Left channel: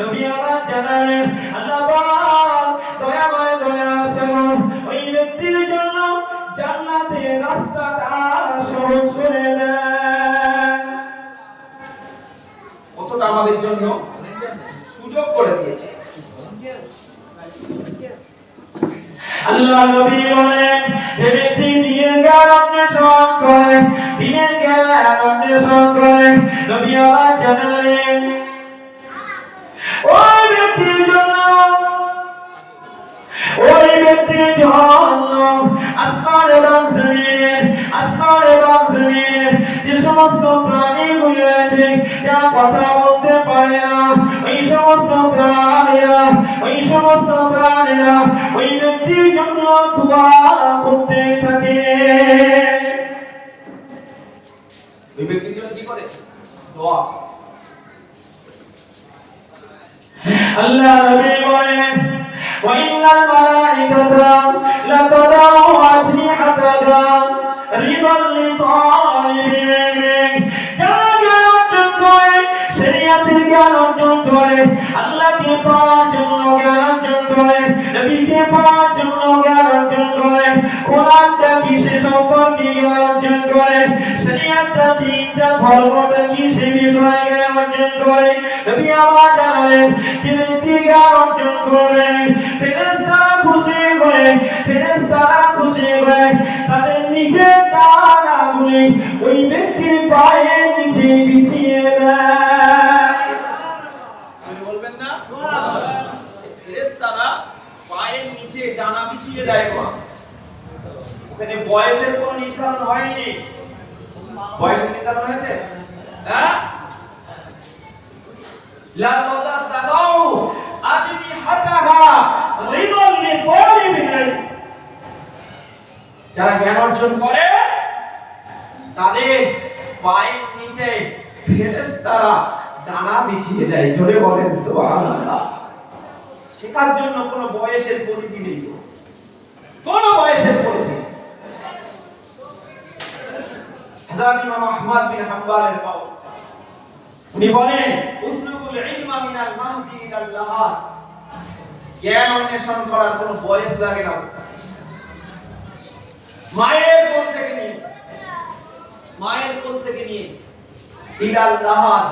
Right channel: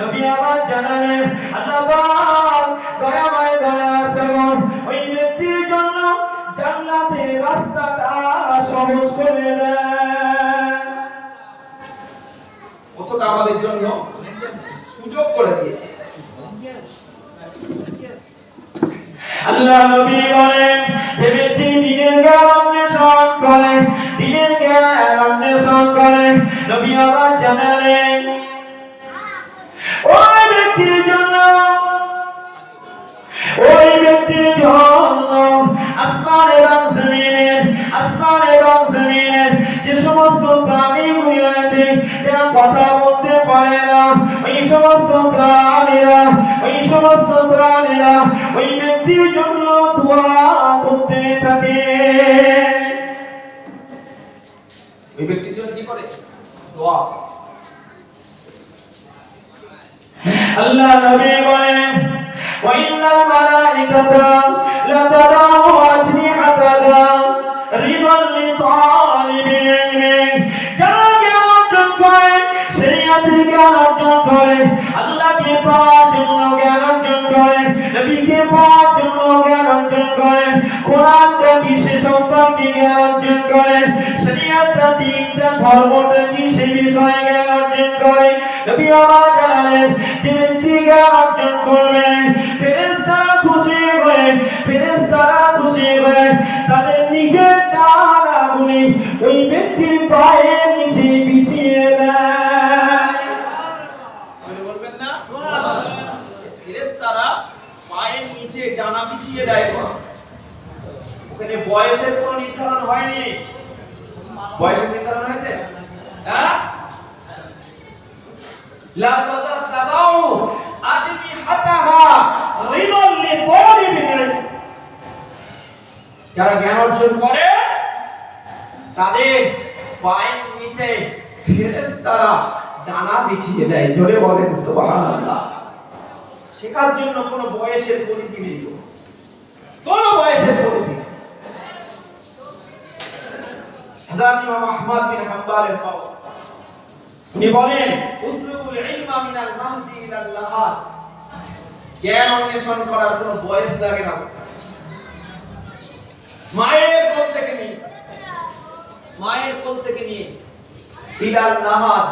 নবী আমার জানালেন আল্লাহ পাক দয়াময় দয়াশীল ওই ব্যক্তির জন্য জান্নাতের রাস্তাটা সহজ করে দেন। কতটা আমাদের জন্য সুযোগ করে দিয়েছে। আল্লাহ নবী বলেন যে ব্যক্তি দিনের জ্ঞান অন্বেষণ করে, দিনের জ্ঞান অন্বেষণ করে, নবী আবার জানালেন ওই ব্যক্তির জন্য আসমান এবং জমিনের যে সমস্ত প্রাণীগুলি রয়েছে যারা কথা বলতে পারে না, ওই সমস্ত প্রাণীরা ওই ব্যক্তির জন্য দোয়া করতে থাকে। ওই ব্যক্তির জন্য কি করে? দোয়া। আল্লাহ নবী বলেন ওয়াইনাল মালাইকাতা লা তাদাউ আজনিহাতাহা রিদাল লিতালিবিল ইলমি, যারা জ্ঞান অর্জন করে, শরীয়তের জ্ঞান অর্জন করে, আল্লাহকে পাওয়ার জন্য জ্ঞান অর্জন করে, নবীকে পাওয়ার জন্য জ্ঞান অর্জন করে, কোরআনটা কি সে সম্পর্কে জ্ঞান অর্জন করে, শরীয়তটা তিনটা ধর্মটা কি সে বিষয়ে জ্ঞান অর্জন করে, নবী আমার জানালেন যে ব্যক্তি জ্ঞান অর্জন করবে ফেরেশতারা খুশি হয়ে তাদের নিজের ডানাগুলি ওই ব্যক্তির পায়ের নিচে বিছিয়ে দেয়। বলবেন না? ফেরেশতারা পায়ের নিচে ডানা বিছিয়ে দেয়। ওখানে বয়সের কোনো নির্ধারণ হয়নি। বয়সের নির্ধারণ হয়েছে? হ্যাঁ, লা তাদাউ আজনিহাতাহা রিদাল লিতালিবিল, যারা জ্ঞান অর্জন করে তাদের পায়ের নিচে ফেরেশতারা ডানা বিছিয়ে দেয়। জোরে বলেন সুবহানাল্লাহ। শেখার জন্য কোনো বয়সের পরিধি নেই, কোনো বয়সের পরিধি। হযরত ইমাম আহমদ বিন হাম্বলের কওল, উনি বলেন উতলুবুল ইলমা মিনাল মাহদি ইলাল লাহাদ, জ্ঞান অন্বেষণ করার কোনো বয়স লাগে না। মায়ের কোল থেকে নিয়ে ইলাল লাহাদ,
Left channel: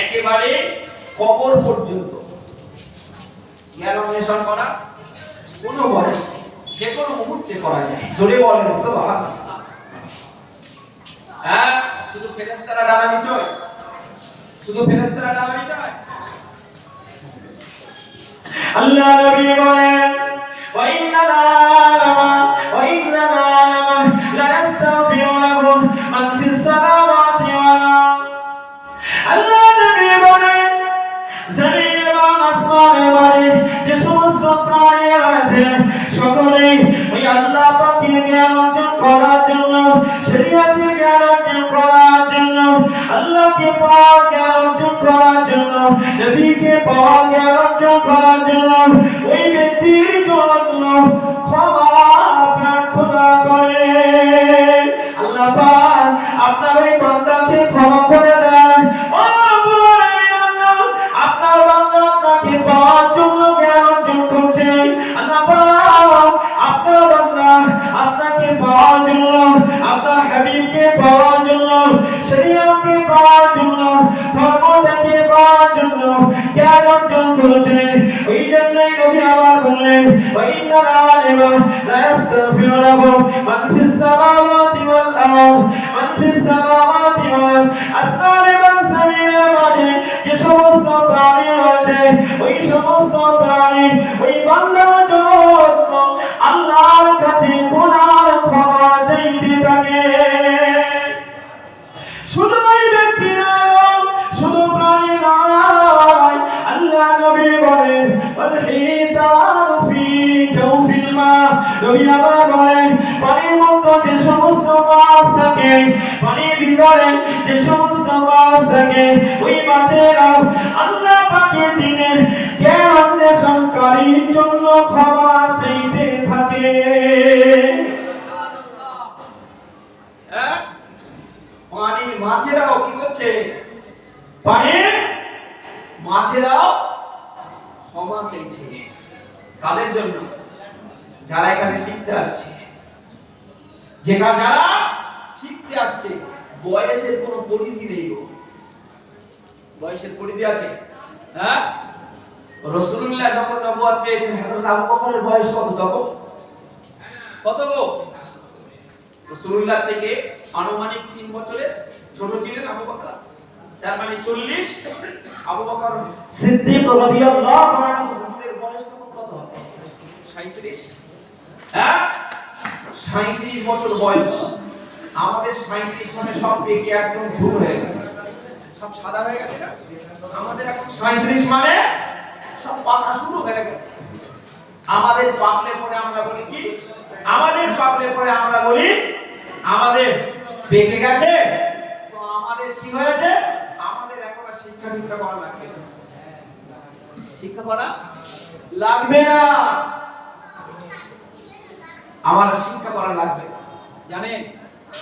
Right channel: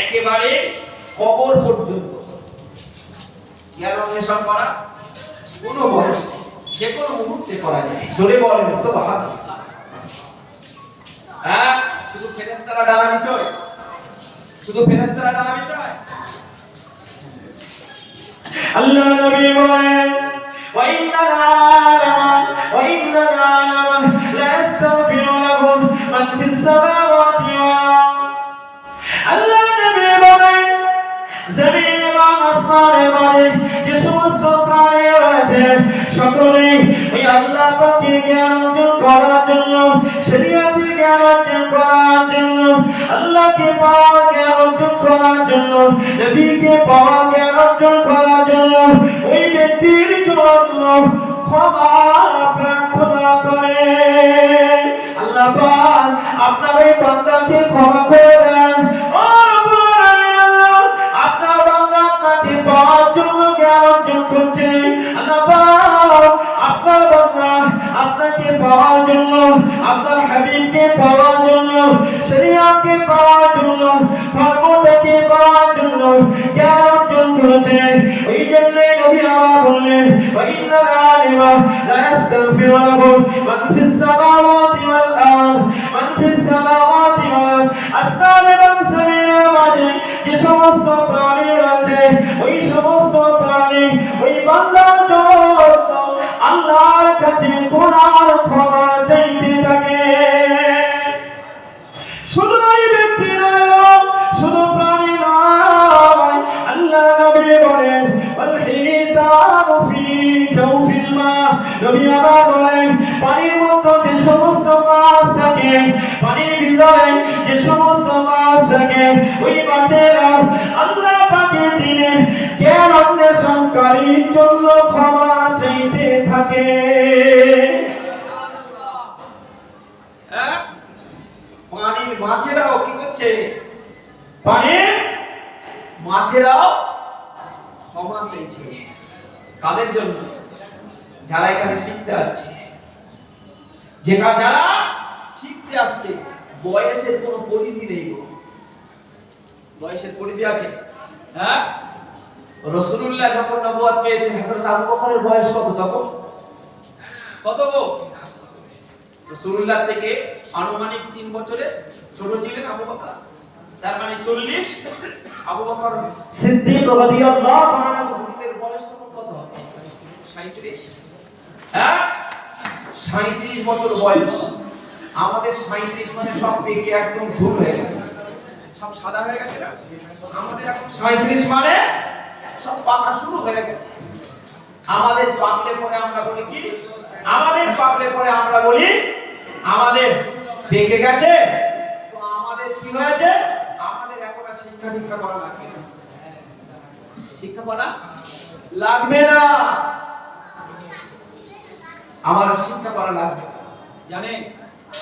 একেবারে কবর পর্যন্ত জ্ঞান অন্বেষণ করা কোনো বয়স নেই, যে কোনো মুহূর্তে করা যায়। জোরে বলেন সুবহানাল্লাহ। হ্যাঁ, শুধু ফেরেশতারা ডানা বিছায়, আল্লাহ নবী বলেন ওয়াইন্নাল আলামা লা ইস্তাগফিরু লাহু মান ফিস সামাওয়াতি ওয়া আল্লাহ নবী বলেন জমিন এবং আসমানের মাঝে যে সমস্ত প্রাণী রয়েছে সকলেই ওই আল্লাহ পাকের জ্ঞান অর্জন করার জন্য, শরীয়তের জ্ঞান অর্জন করার জন্য, আল্লাহকে পাওয়ার জ্ঞান অর্জন করার জন্য, নবীকে পাওয়ার জ্ঞান অর্জন করার জন্য ওই ব্যক্তির জন্য ক্ষমা প্রার্থনা করে। আল্লাহ পাক আপনার ওই বান্দাকে ক্ষমা করে দেন। ও রব্বুল আলামিন, আল্লাহ আপনার বান্দা আপনাকে পাওয়ার জন্য জ্ঞান অর্জন করছে। আল্লাহ পাক আপনার বান্দা আপনাকে পাওয়ার জন্য, আপনার হাবিবকে পাওয়ার জন্য, শরীয়তকে পাওয়ার জন্য, ধর্মটাকে পাওয়ার জন্য জ্ঞান অর্জন করেছে। ওই জন্যই নবী আমার বললেন ওয়াইন্নাল আলিমা লা ইস্তাগফিরু লাহু মান ফিস সামাওয়াতি ওয়াল আরদ, মান ফিস সামাওয়াতি ওয়াল আসমান এবং জমিনের মাঝে যে সমস্ত প্রাণী রয়েছে, ওই সমস্ত প্রাণী ওই বান্দার জন্য আল্লাহর কাছে গুনার ক্ষমা চাইতে থাকে। শুধু ওই ব্যক্তি নয়, শুধু প্রাণী নয়, আল্লাহ নবী বলেন ওয়াল হিতানু ফি জাওফিল মা, নবী আবার বলেন পানির মধ্যে যে সমস্ত মাছ থাকে, পানির ভিতরে যে সমস্ত মাছ থাকে, ওই মাছেরা আল্লাহ পাকের দিনের জ্ঞান অন্বেষণকারীর জন্য ক্ষমা চাইতে থাকে। পানির মাছেরাও কি করছে? পানির মাছেরাও ক্ষমা চাইছে। কাদের জন্য? যারা এখানে শিখতে আসছে। যারা শিখতে আসছে, বয়সের কোনো পরিধি নেই গো। বয়সের পরিধি আছে? হ্যাঁ, রাসূলুল্লাহ যখন নবুয়ত পেয়েছেন, হযরত আবু বকরের বয়স কত তখন? কত গো? রাসূলুল্লাহ থেকে আনুমানিক 3 বছরের ছোট ছিলেন আবু বকর। তার মানে 40। আবু বকর সিদ্দিক রাদিয়াল্লাহু আনহুর বয়স তখন কত? 37। হ্যাঁ, 37 বছর বয়স। আমাদের 37 মানে সব পেকে একদম ঝুল হয়ে গেছে, সব সাদা হয়ে গেছে না? আমাদের এখন 37 মানে সব পাকা শুরু হয়ে গেছে। আমাদের পাকলে পরে আমরা বলি কি? আমাদের পাকলে পরে আমরা বলি আমাদের পেকে গেছে। তো আমাদের কি হয়েছে? আমাদের এখন আর শিক্ষা দীক্ষা করা লাগবে না। শিক্ষা করা লাগবে না, আমার শিক্ষা করা লাগবে। জানেন,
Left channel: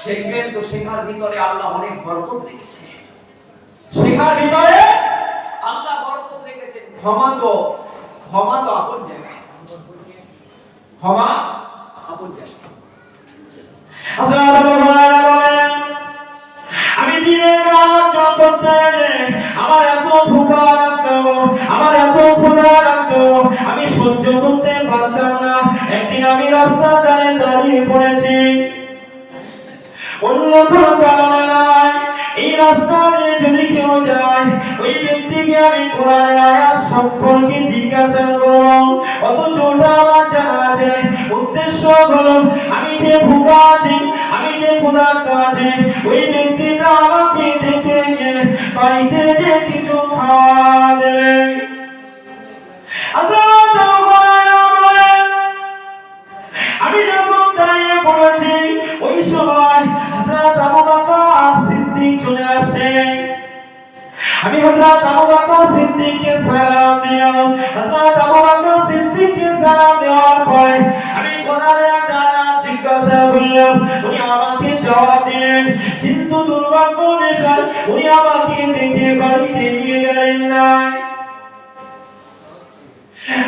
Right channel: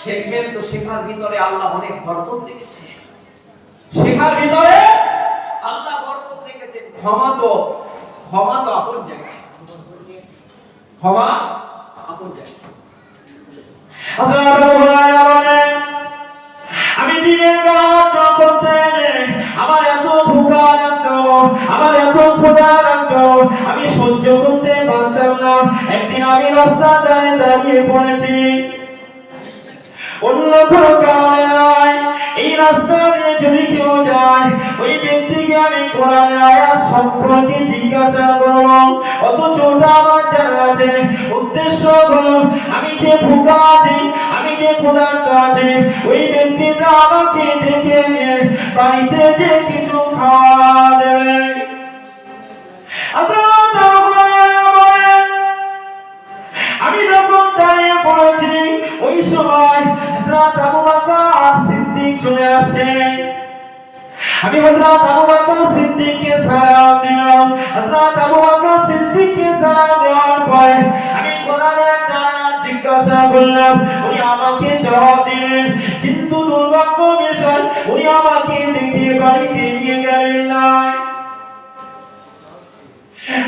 শিখবেন তো শেখার ভিতরে আল্লাহ অনেক বরকত রেখেছে। শেখার ভিতরে আল্লাহ বরকত রেখেছেন। ক্ষমা তো আপন জায়গায়, ক্ষমা আপন জায়গায়। আমি দিনের কাজ করতে আমার এত ভুকা লাগতো, আমার এত ক্ষুধা লাগতো, আমি সহ্য করতে পারতাম না। একদিন আমি রাস্তা দাঁড়িয়ে পড়েছি, অন্য কোনো কারণে নয়। এই রাস্তা দিয়ে যদি কেউ যায়, ওই ব্যক্তিকে আমি কোরআনের আয়াত সম্পর্কে জিজ্ঞাসা করব, অথচ ওটা আমার জানা আছে। উদ্দেশ্য হলো আমি যে ভুকা আছি, আমি যে ক্ষুধার্ত আছি, ওই ব্যক্তিটা আমাকে ডেকে নিয়ে বাড়িতে যে কিছু খাওয়া দেবে। আমি যখন দাঁড়িয়ে পড়েছি, ওই সময় হযরত আবু বকর সিদ্দিক চলে আসে। আমি হযরত আবু বকর সিদ্দিককে সালাম দিলাম। হযরত আবু বকর সিদ্দিককে সালাম দেওয়ার পরে আমি কোরআনের একটা আয়াত জিজ্ঞাসা করলাম, উনি আমাকে জবাব দিলেন। কিন্তু দুর্ভাগ্য বিষয়, উনি আমাকে ডেকে বাড়িতে নিয়ে গেলেন না।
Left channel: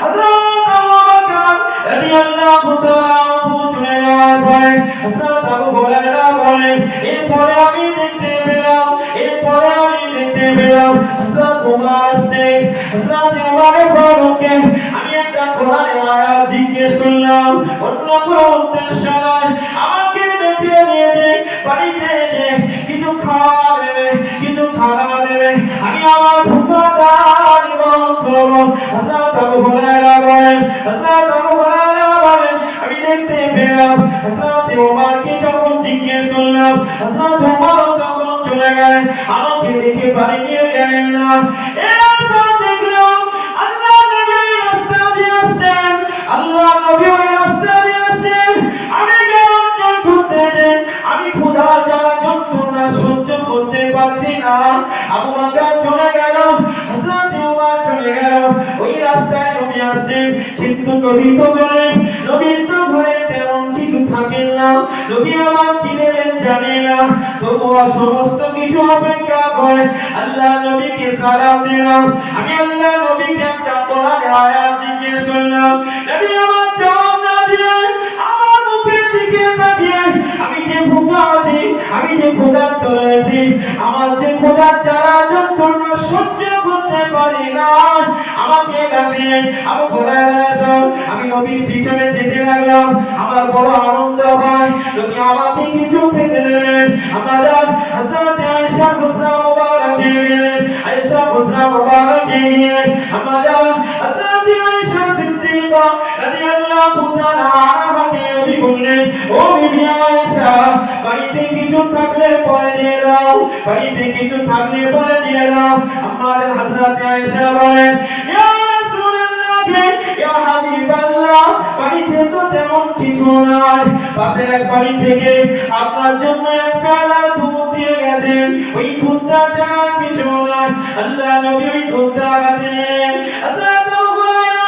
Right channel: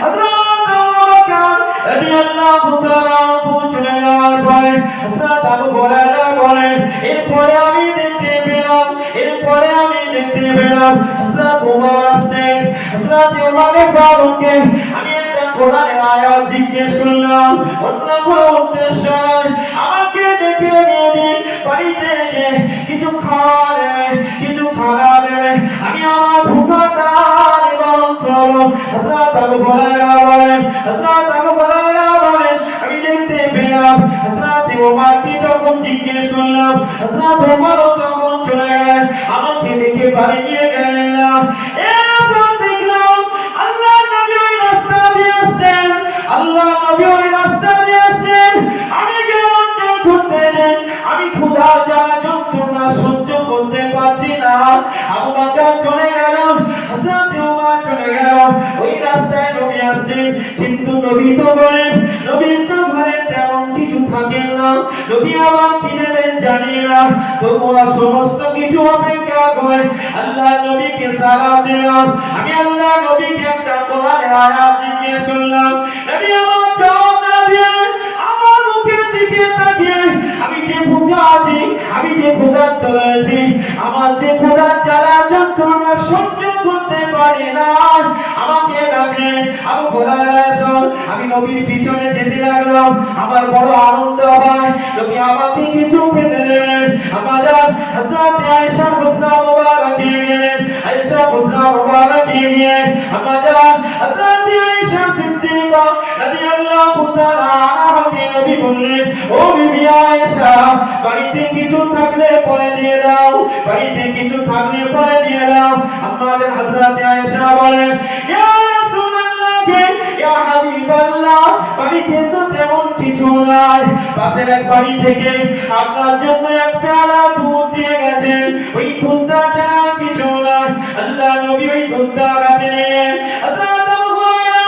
হযরত আবু বকর রাদিয়াল্লাহু তাআলা আনহু চলে যাওয়ার পরে হযরত আবু হুরায়রা বলেন, এরপরে আমি দেখতে পেলাম হযরত ওমর আসছেন। হযরত ওমর ফারুককে আমি একটা কোরআনের আয়াত জিজ্ঞেস করলাম, অন্য কোনো উদ্দেশ্য নয়। আমাকে ডেকে নিয়ে বাড়িতে গিয়ে কিছু খাওয়া দেবে, আমি আমার ভুখাটা নিবারণ করবো। হযরত আবু হুরায়রা বলেন, আমি দেখতে পেলাম হযরত ওমরকে যখন জিজ্ঞেস করলাম, হযরত ওমর তখন চলে গেলেন, আমাকে দেখে বাড়ি নিয়ে গেলেন না। এরপর দেখলাম আল্লাহ নবী ওই রাস্তা দিয়ে আসছেন। আমি গেলাম করতে দেন, আমি ক্ষুধা জ্বালা যন্ত্রণা সহ্য করতে পারছি না। আবু বকর চলে গেল, হযরত ওমর চলে গেল। ওই রাস্তায় নবী আসছে, কিন্তু নবীর তো ঘরে তেমন কিছু থাকে না। নবী আবার কি নেবেন জানি না, তবুও সমস্ত কিছু অপেক্ষা করে আল্লাহ নবীকে সালাম দিলাম। আমি আল্লাহ নবীকে একটা কোরআনের আয়াত জিজ্ঞেস করলাম। নবী আমার জবাব না দিয়ে আমার মুখের দিকে তাকিয়ে, আমি যে ভুকা আছি, আমি যে ক্ষুধার্ত রয়েছি, আমার যে ক্ষুধার জ্বালা যন্ত্রণা সহ্য করতে পারি না, আমাকে ডাকলেন, আবু হুরায়রা এসো। আমি নবীর পিছনে যেতে লাগলাম। আমার বড় আনন্দ হয়, নবী আমাকে কিছু খেতে দেবেন। আমাদের হযরত আয়েশা হুজরা মুবারকে গেলেন। আয়েশা হুজরা মুবারকে গিয়ে আমাদের হযরত আয়েশা সিদ্দিকা রাদিয়াল্লাহু তাআলা আনহাকে নবী বললেন, ও বিবি আয়েশা, বাড়িতে কিছু থাকলে পরে দিয়ে দাও, বাড়িতে কিছু থাকলে পরে দিয়ে দাও। আমাদের হযরত আয়েশা বলেন, ইয়া রাসূলুল্লাহ, ইয়া হাবিবাল্লাহ, বাড়িতে তো তেমন কিছু নাই। পাশের এক বাড়ি থেকে আপনার জন্য এক পেয়ালা দুধ দিয়ে গেছেন, ওই দুধটা ছাড়া কিছু নাই। আল্লাহ নবী ওই দুধটা হাতে নিলেন। হযরত আবু হুরায়রা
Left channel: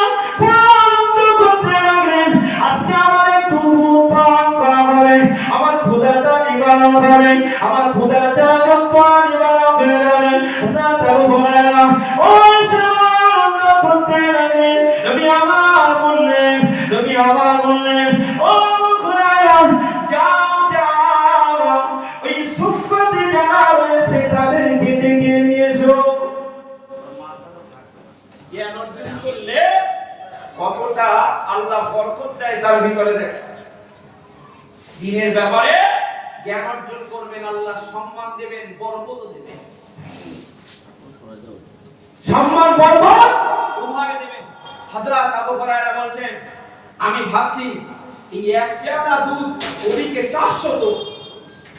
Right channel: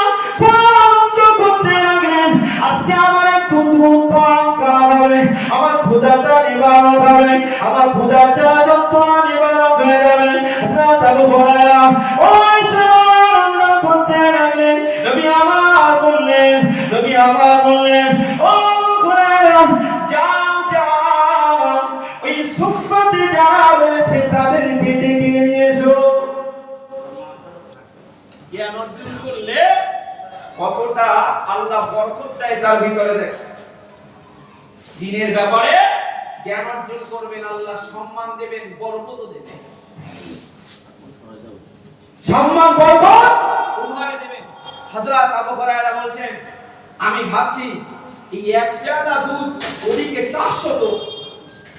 আনন্দ করতে লাগলেন, আজকে আমার একটু দুধ পান করা হবে, আমার ক্ষুধাটা নিবারণ হবে, আমার ক্ষুধাটা যন্ত্রণা নিবারণ হয়ে যাবে। হযরত আবু হুরায়রা, ও আয়েশা জ্ঞান অর্জন করলে কতটা আল্লাহ বরকত দেয় তার ভিতরে দেখ। দিনের ব্যাপারে জ্ঞান অর্জন করবেন, আল্লাহ সম্মান দেবেন, বরকত দেবেন। সম্মান বরকত উম্মাকে দেবেন। হযরত আবু হুরায়রা বলছেন, আমি ভাবছি এই এক পেয়ালা দুধ ওদিকে 400, তো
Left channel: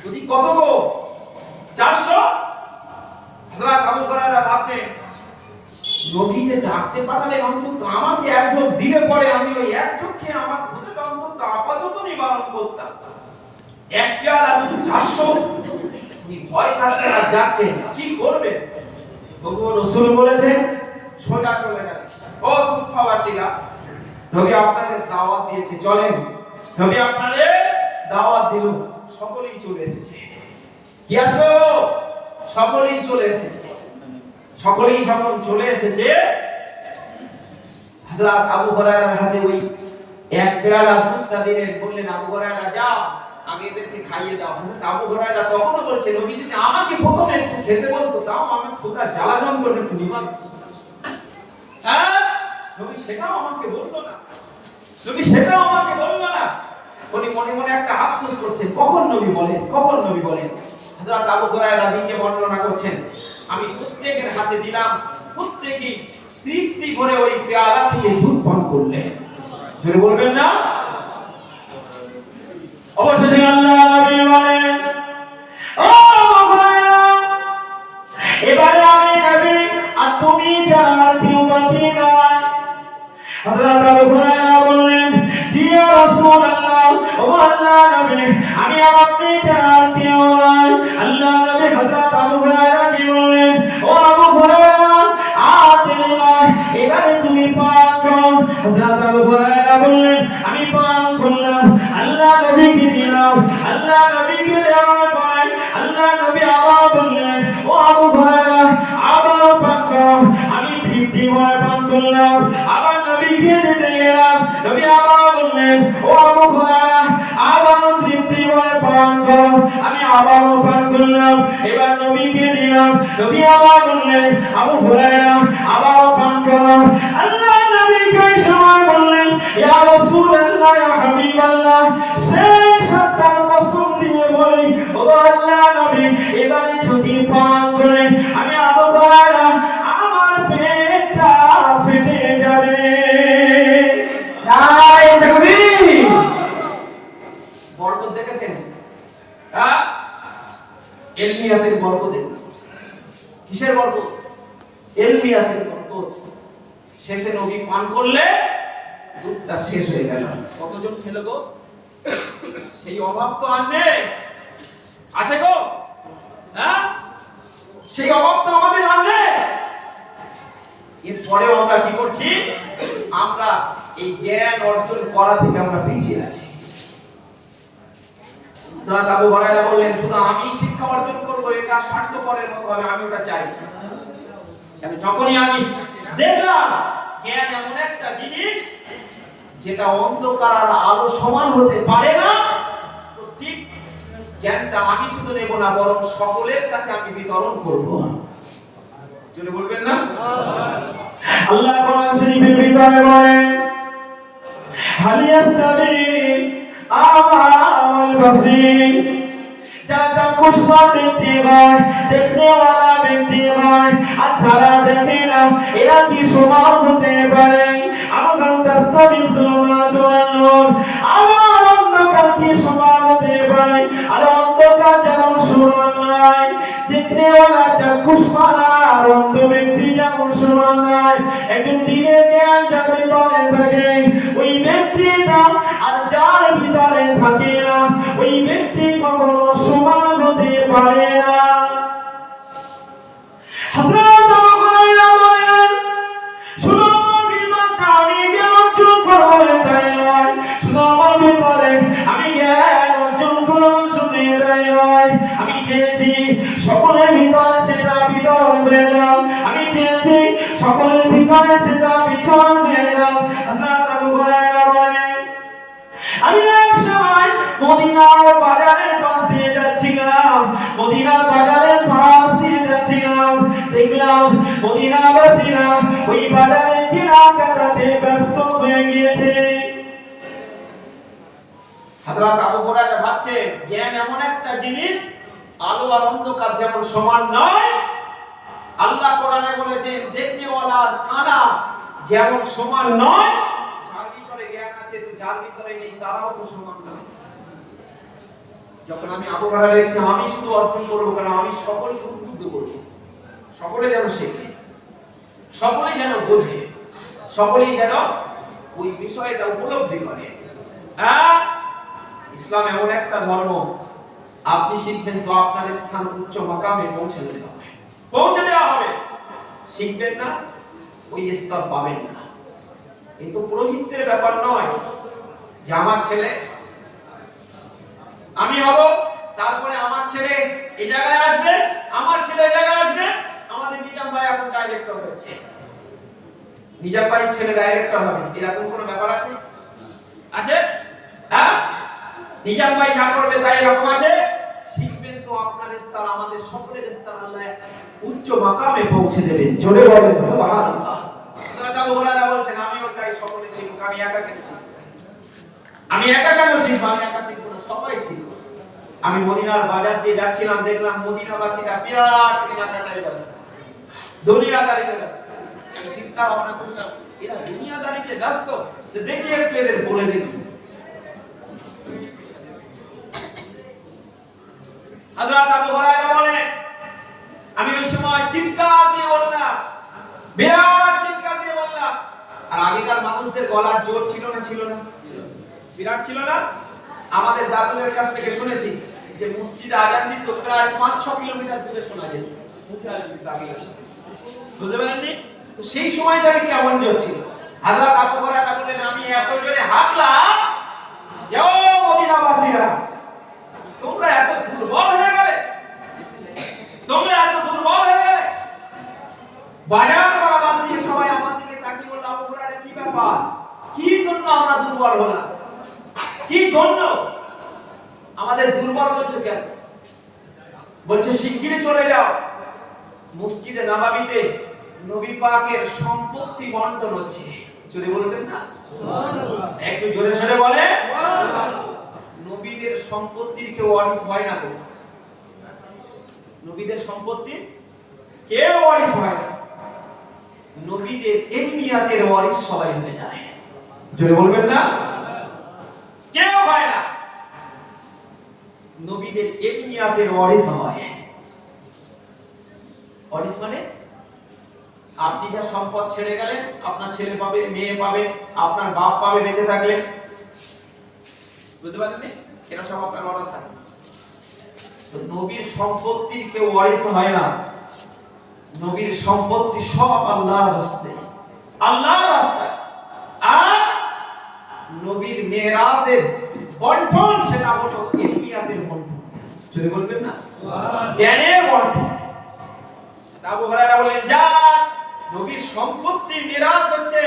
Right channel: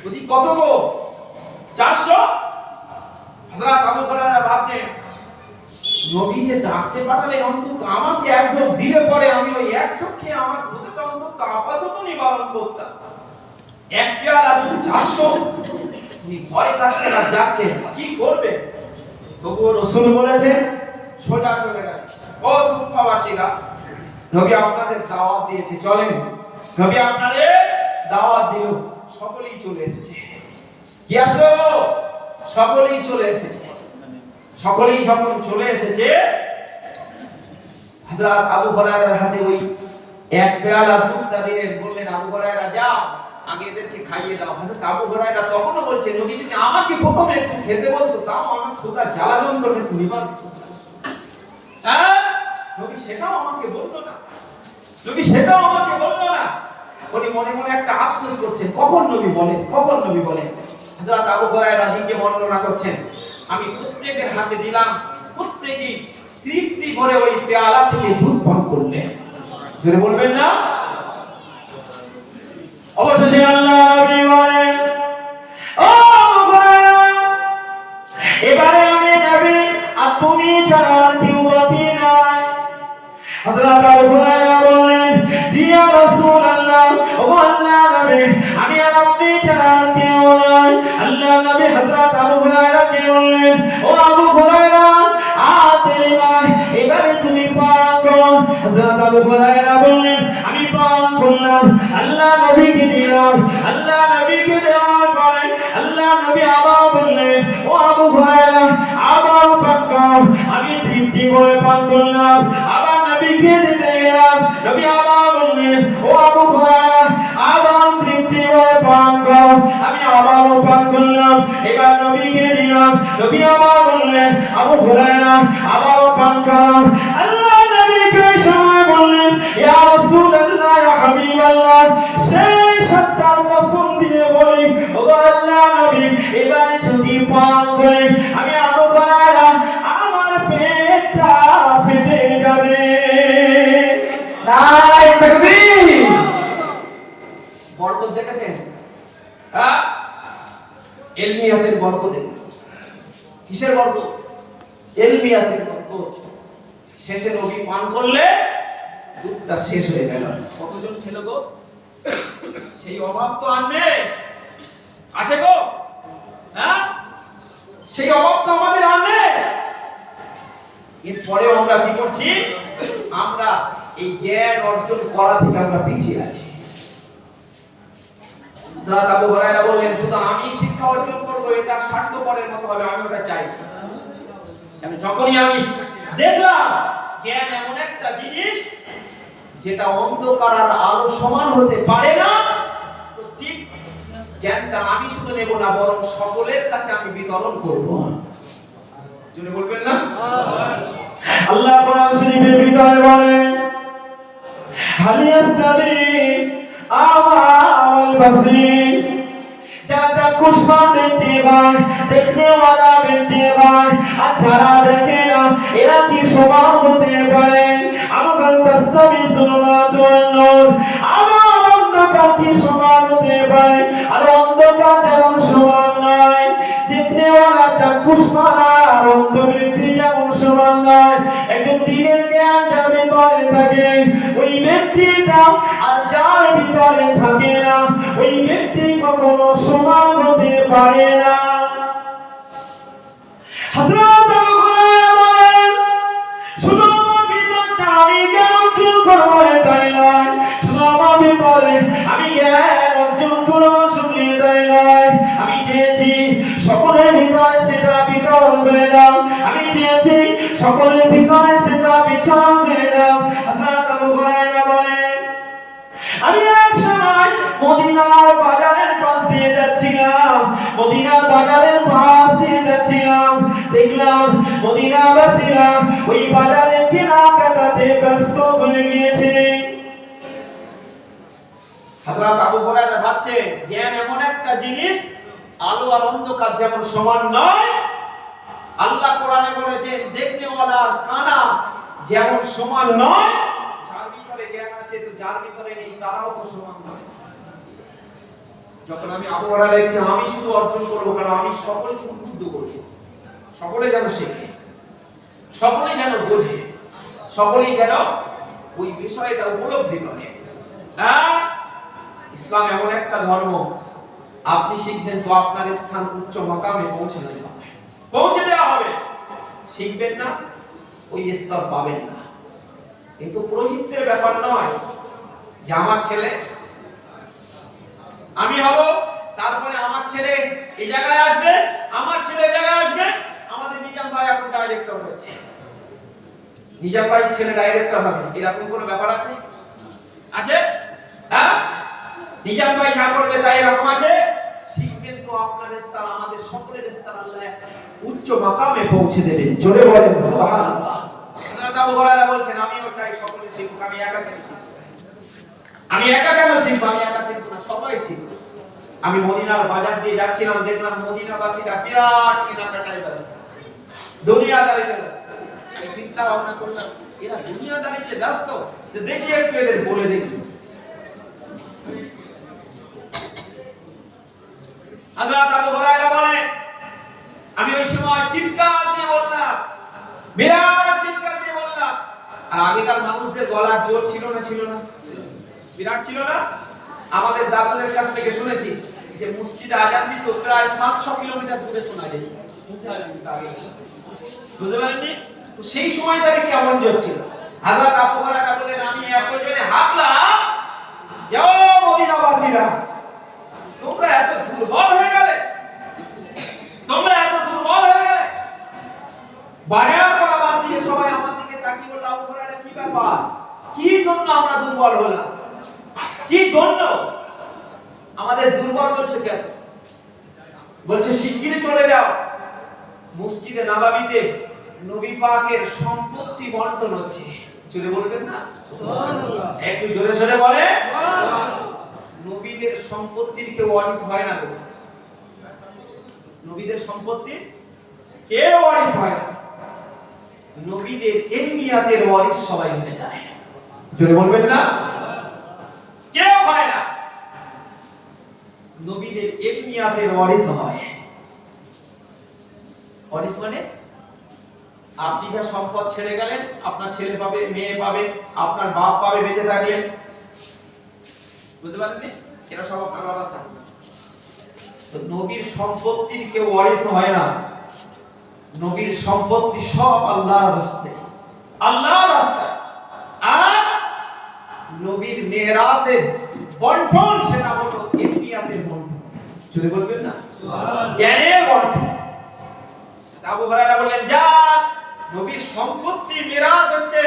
ওদিকে কত গো 400। হযরত আবু হুরায়রা ভাবছেন, নবীকে ডাকতে পাঠালে অন্তত আমাকে এক ঢোক দিলে পরে আমি ওই এক ঢোক খেয়ে আমার ক্ষুধাটা অন্তত আপাতত নিবারণ করতাম। এক পেয়ালা দুধ 400, উনি ভয় খাচ্ছেন আর যাচ্ছেন, কি করবে? তবুও রাসূল বলেছেন, সোজা চলে গেলেন। ও সুফাবাসীরা, নবী আপনাদের দাওয়াত দিয়েছে, চলেন। নবী আপনাদের দাওয়াত দিল, সকলেই চলে এসেছে। কি আসো? সকলেই চলে এসেছে। সকলেই যখন চলে এসেছে, হযরত আবু হুরায়রার হাতে ওই এক পেয়ালা দুধটা দিলেন, বললেন, আবু হুরায়রা যাও, আগে এদেরকে খাইয়ে দাও। হযরত আবু হুরায়রা তখনও বলছে, নবী যদি আমাকে প্রথমে একটু খেতে বলতো, তাও আমার ক্ষুধার জ্বালা যন্ত্রণা একটু নিবারণ হতো। হ্যাঁ, নবী সেটাও আমাকে বললো না, নবী সেটাও আমাকে বললো না। উনি মনে মনে একটা আফসোস করছেন, কখন নবী বলেন, কখন নবী বলেন। হযরত আবু হুরায়রা নিজে বর্ণনা করছেন, আমি প্রত্যেকের হাতে দিলাম, প্রত্যেকই তৃপ্তি করে ওই পেয়ালা থেকে দুধ পান করলেন। জোরে বলবেন না? অবশেষে আল্লাহ নবী বলেন, ও আবু হুরায়রা, এবারে আমি নবী আর তুমি ছাড়া আর কেউ বাকি নাই। হযরত আবু হুরায়রা বললেন, জি ইয়া রাসূলুল্লাহ, ও আল্লাহর নবী, আমি আর আপনি ছাড়া আর কেউ নাই। আল্লাহর নবী হযরত আবু হুরায়রাকে বললেন, ও আবু হুরায়রা, আর দেরি নয়, এবারে তুমি পান করো। হযরত আবু হুরায়রা বললেন, আমি পান করলাম। আল্লাহ নবীকে দিলাম। আল্লাহ নবীকে দেওয়ার পরে আল্লাহ নবী আবার বললেন, ও আবু হুরায়রা, আবার পান করো। আমি তৃপ্তি ভরে পান করলাম। আবার নবীকে দিতে গেলাম। নবী আবার বললেন, ও আবু হুরায়রা, আবার তৃপ্তি ভরে পান করো। আমি আবারও পান করলাম। এবার নবীকে দিলাম। নবী আবার বললেন, আবু হুরায়রা, আবারও পান করো। আল্লাহ নবীকে সময় বললেন, ইয়া রাসূলুল্লাহ, ইয়া হাবিবাল্লাহ, সেই সত্তার কসম দিয়ে বলি, ও আল্লাহ নবী, এবারে যদি পান করে আমি আবু হুরায়রা, আমার পেটটা ফেটে যাবে। নারে তাকবীর! বরকত দেখেছেন? হ্যাঁ, ইলমিয়াতের বরকত। কিসের বরকত? ইলমিয়াতের বরকত। শেষে নবী পান করলে দুধটা শেষ হয়ে গেল। কতজন খেলো গো? সেই অভাব তো আর নেই, আছে গো? হ্যাঁ, সেই অভাব তো আমাদের আর নেই। এরপরেও আমরা কি করছি? আমরা এই জ্ঞান অর্জন করা থেকে আমরা পিছিয়ে আছি। হযরত আবু হুরায়রা বললেন, শুধু আমি শিক্ষা অর্জন করব, এটা স্বার্থপরের মতো হবে, আমি ওটা চাই না। যখনই আমি দেখলাম জ্ঞান এমন একটা জিনিস যেটা অন্ধকার আর আলো সমান হতে পারে না, তো ঠিক জ্ঞানটা আমি শুধু নেব না, বরং সকলের কাছে আমি বিতরণ করব। জোরে বলবেন না? আল্লাহ কোরআন শরীফের ভিতরে বলেন, হাল ইয়াস্তাবি আমা ওয়াল বাসীর, যারা চক্ষুষ্মান ব্যক্তি হয়, দেখতে ওয়ালা ব্যক্তি হয়, আর যারা দেখে না, এরা কি সমান হতে পারে? আমাকাল তাসতাবি যুলমাতু ওয়ান নূর, আমার অন্ধকার কি সমান হতে পারে? আর অন্ধকার যেমন সমান নয়, দেখতে ওয়ালা চক্ষুষ্মান আর অন্ধ ব্যক্তি যেমন সমান নয়। একজন দিনের জ্ঞান যার ভিতরে থাকে, ওই ব্যক্তিটা আর যার ভিতরে থাকে না, ওই ব্যক্তি কখনো সমান হতে পারে না। হযরত আবু হুরায়রা বলেন, শুধু আমার বিমানটা আমি জ্ঞান অর্জন করবো এটাই নয়, শুধু আমার ভিতরে আমি জ্ঞান অর্জন করবো শুধু এটাই নয়, আমি চেয়েছি সকলের ভিতরে সেটা বিতরণ করে দাও। আমি চেয়েছি সকলের ভিতরে সেটা বিচরণ করে দাও। হযরত আবু হুরায়রা বলেন, আমি এক সময় মদিনার বাজারের পাশ দিয়ে যাচ্ছিলাম, মদিনার বাজারের পাশ দিয়ে যাচ্ছিলাম, দেখলাম মদিনাবাসীরা ওই বাজারে কেনাকাটাতে ব্যস্ত হয়ে গিয়েছে। হযরত আবু হুরায়রা ভাবছে জ্ঞান এমন একটা জিনিস, আলো আর অন্ধকার যেমন সমান নয়, আল্লাহ কোরআনে বলেছেন দেখনেওয়ালা আর কানা যেমন সমান নয়, যার ভিতরে জ্ঞান আছে তো যার ভিতরে নেই তারাও তো সমান নয়। যখন আমি আবু হুরায়রা দেখছি আমি শুধু অর্জন করবো, কারণ আমি সকলকে উদ্বুদ্ধ করবো, সকলে যেন শেখে, সকলে যেন বোঝে, সকলেই যেন ওই বিষয়টা উপলব্ধি করে। ইসলাম এমন একটা ধর্ম, আপনি শিখবেন তো আপনার স্থান উচ্চ মাকামে পৌঁছে দেওয়া হবে, শিখবেন না ওই স্তর পাবেন না। এই তো পুরোহিতের ব্যাপার নয় যে আমার ছেলে আমি হব, তারপরে আমার ছেলে এই জায়গায় আসবে, আমার ছেলে এই জায়গায় আসবে। আমাদের নিজাম ভাই এখন ডাইরেক্টর হয়েছে, নিজাম ভাই ছেলে ডাইরেক্টর হবে, এরকম কোনো ব্যাপার আছে? আছে? হ্যাঁ, নিজাম ভাই যা করবে তাই এরকম আছে? শিখবেন তো আপনার স্থান আমাদের সকলের স্থান আল্লাহ উচ্চ মাকামে পৌঁছে দেবেন। জোরে বলেন সুবহানাল্লাহ। হযরত আবু হুরায়রা বলছেন আমিও চাই সকলে শিখুক, আমি একা কেন শিখব? আমি একা কেন শিখব? আমি একা শিখব না, সবাই শিখবে। আমি মদিনার বাজার দিয়ে যাচ্ছিলাম, দেখলাম মদিনাবাসীরা বিরাট কেনাকাটায় ব্যস্ত, দুনিয়াদারিতে ব্যস্ত। আমি চিন্তা ভাবনা করলাম এরা দুনিয়াদারিতে ব্যস্ত, তো দেখি একটু এদের বলে দেখি। হযরত আবু হুরায়রা বলেন আমি ওই সময় চিৎকার দিয়ে বললাম, বিরাট চিৎকার দিয়ে বললাম। আর আগেকার মানুষদের গলার জোর ছিল না? ছিল না? বিরাট ছিল না? আমাদের দাদুদের কাছ থেকে শুনেছি যে মসজিদে আজান দিত প্রায় 5-6 কিলোমিটার দূরে শোনা যেত। বুঝতে পারেননি? তো সেই সময় তাহলে কেমন জোর ছিল? হযরত আবু হুরায়রা বলেন আমি এত জোরে হাঁকলাম যে ও মদিনাবাসীরা, তোমরা এত দুর্বল হয়ে গেলে, তোমরা এত দুর্বল হয়ে গেলে। বাজার করার দিকে সবাই আমার দিকে তাকিয়ে বলল আবু হুরায়রা কি ব্যাপার, কি জন্য আমরা দুর্বল হলাম, কি জন্য আমাদের দুর্বল হচ্ছে কেন? বলছে শিগগিরই চলে যাও, মসজিদে নববীতে নবী পাকের সম্পত্তি বন্টন হচ্ছে। জোরে বলবেন না সুবহানাল্লাহ? একটু জোরে সরে বলে সুবহানাল্লাহ। নবীদের সম্পত্তির কেউ ওয়ারিস হয় না গো, নবীদের সম্পত্তি কেউ ওয়ারিস হয় না, নবীদের ইলমিয়াতের ওয়ারিস সবাই হয়ে যায়। জোরে বলবেন না? কেউ হয় না, নবীদের ইলমিয়াতের ওয়ারিস হয়। ওয়ারিস মানে আপনি যা সম্পদ ছেড়ে গেলেন আপনার ছেলে পাবে, মেয়ে পাবে, আপনার বাপ পাবে বেঁচে থাকলে। বুঝতে পারেননি? এটা সব আপনার ওয়ারাসা। তো নবীর সম্পত্তির কেউ ওয়ারিস হয় না, নবীর সম্পত্তি সব আল্লাহর রাস্তায়, আল্লাহর রাস্তায়। আর নবীর মেরাজের বন্টন সেটা হলো ইলমিয়াতের বন্টন। যদি বলবেন না সুবহানাল্লাহ, জ্ঞানের বন্টন। আবু হুরায়রা বলেন যান, নবীর সম্পত্তি মেরাজ হচ্ছে,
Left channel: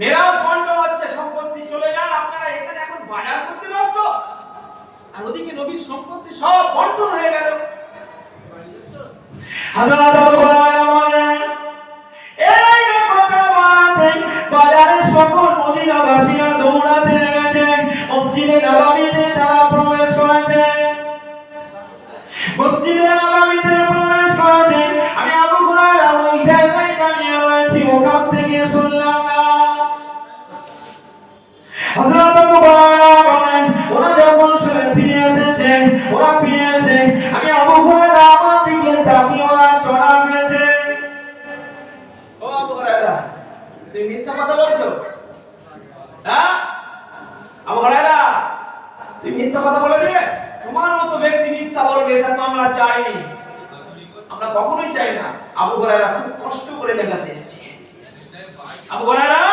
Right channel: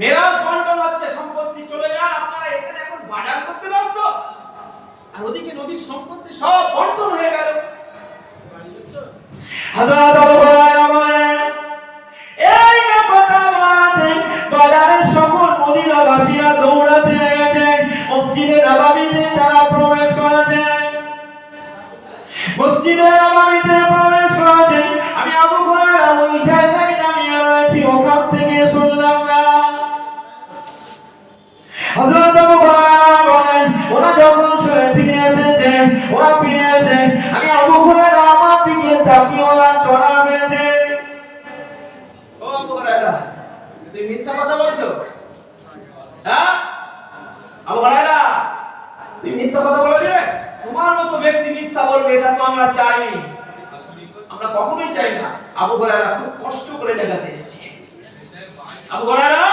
মেরাজ বন্টন হচ্ছে, সম্পত্তি চলে যান। আপনারা এখানে এখন বাজার করতে ব্যস্ত, আর ওদিকে নবীর সম্পত্তি সব বন্টন হয়ে গেল। হযরত আবু হুরায়রা বলেন এই কথা বলতে বাজারের সকল মদিনাবাসীরা দৌড়াতে লেগেছে, মসজিদে নববীতে তারা প্রবেশ করেছে, মসজিদে নববীতে প্রবেশ করেছে। আমি আবু হুরায়রা ওই জায়গায় দাঁড়িয়ে রয়েছি, ওখান থেকে শুনলাম না। হযরত আবু হুরায়রা বলেন ওরা যখন সরে ফিরে এসেছে, ওরা ফিরে এসে আমি আবু হুরায়রা আমার দিকে তাকিয়ে ওরা চড়া হয়েছে। ও আবু হুরায়রা, তুমি মিথ্যা কথা বলছো? হ্যাঁ আবু হুরায়রা, তুমি মিথ্যা কথা বলেছিলে? তোমার মতো ব্যক্তি মিথ্যা বলবে এটা তো আমরা চাইনি, আমরা কখনোই চাই না। আবু হুরায়রা খুব কষ্ট করে দেখাতে এসেছে। আবু হুরায়রা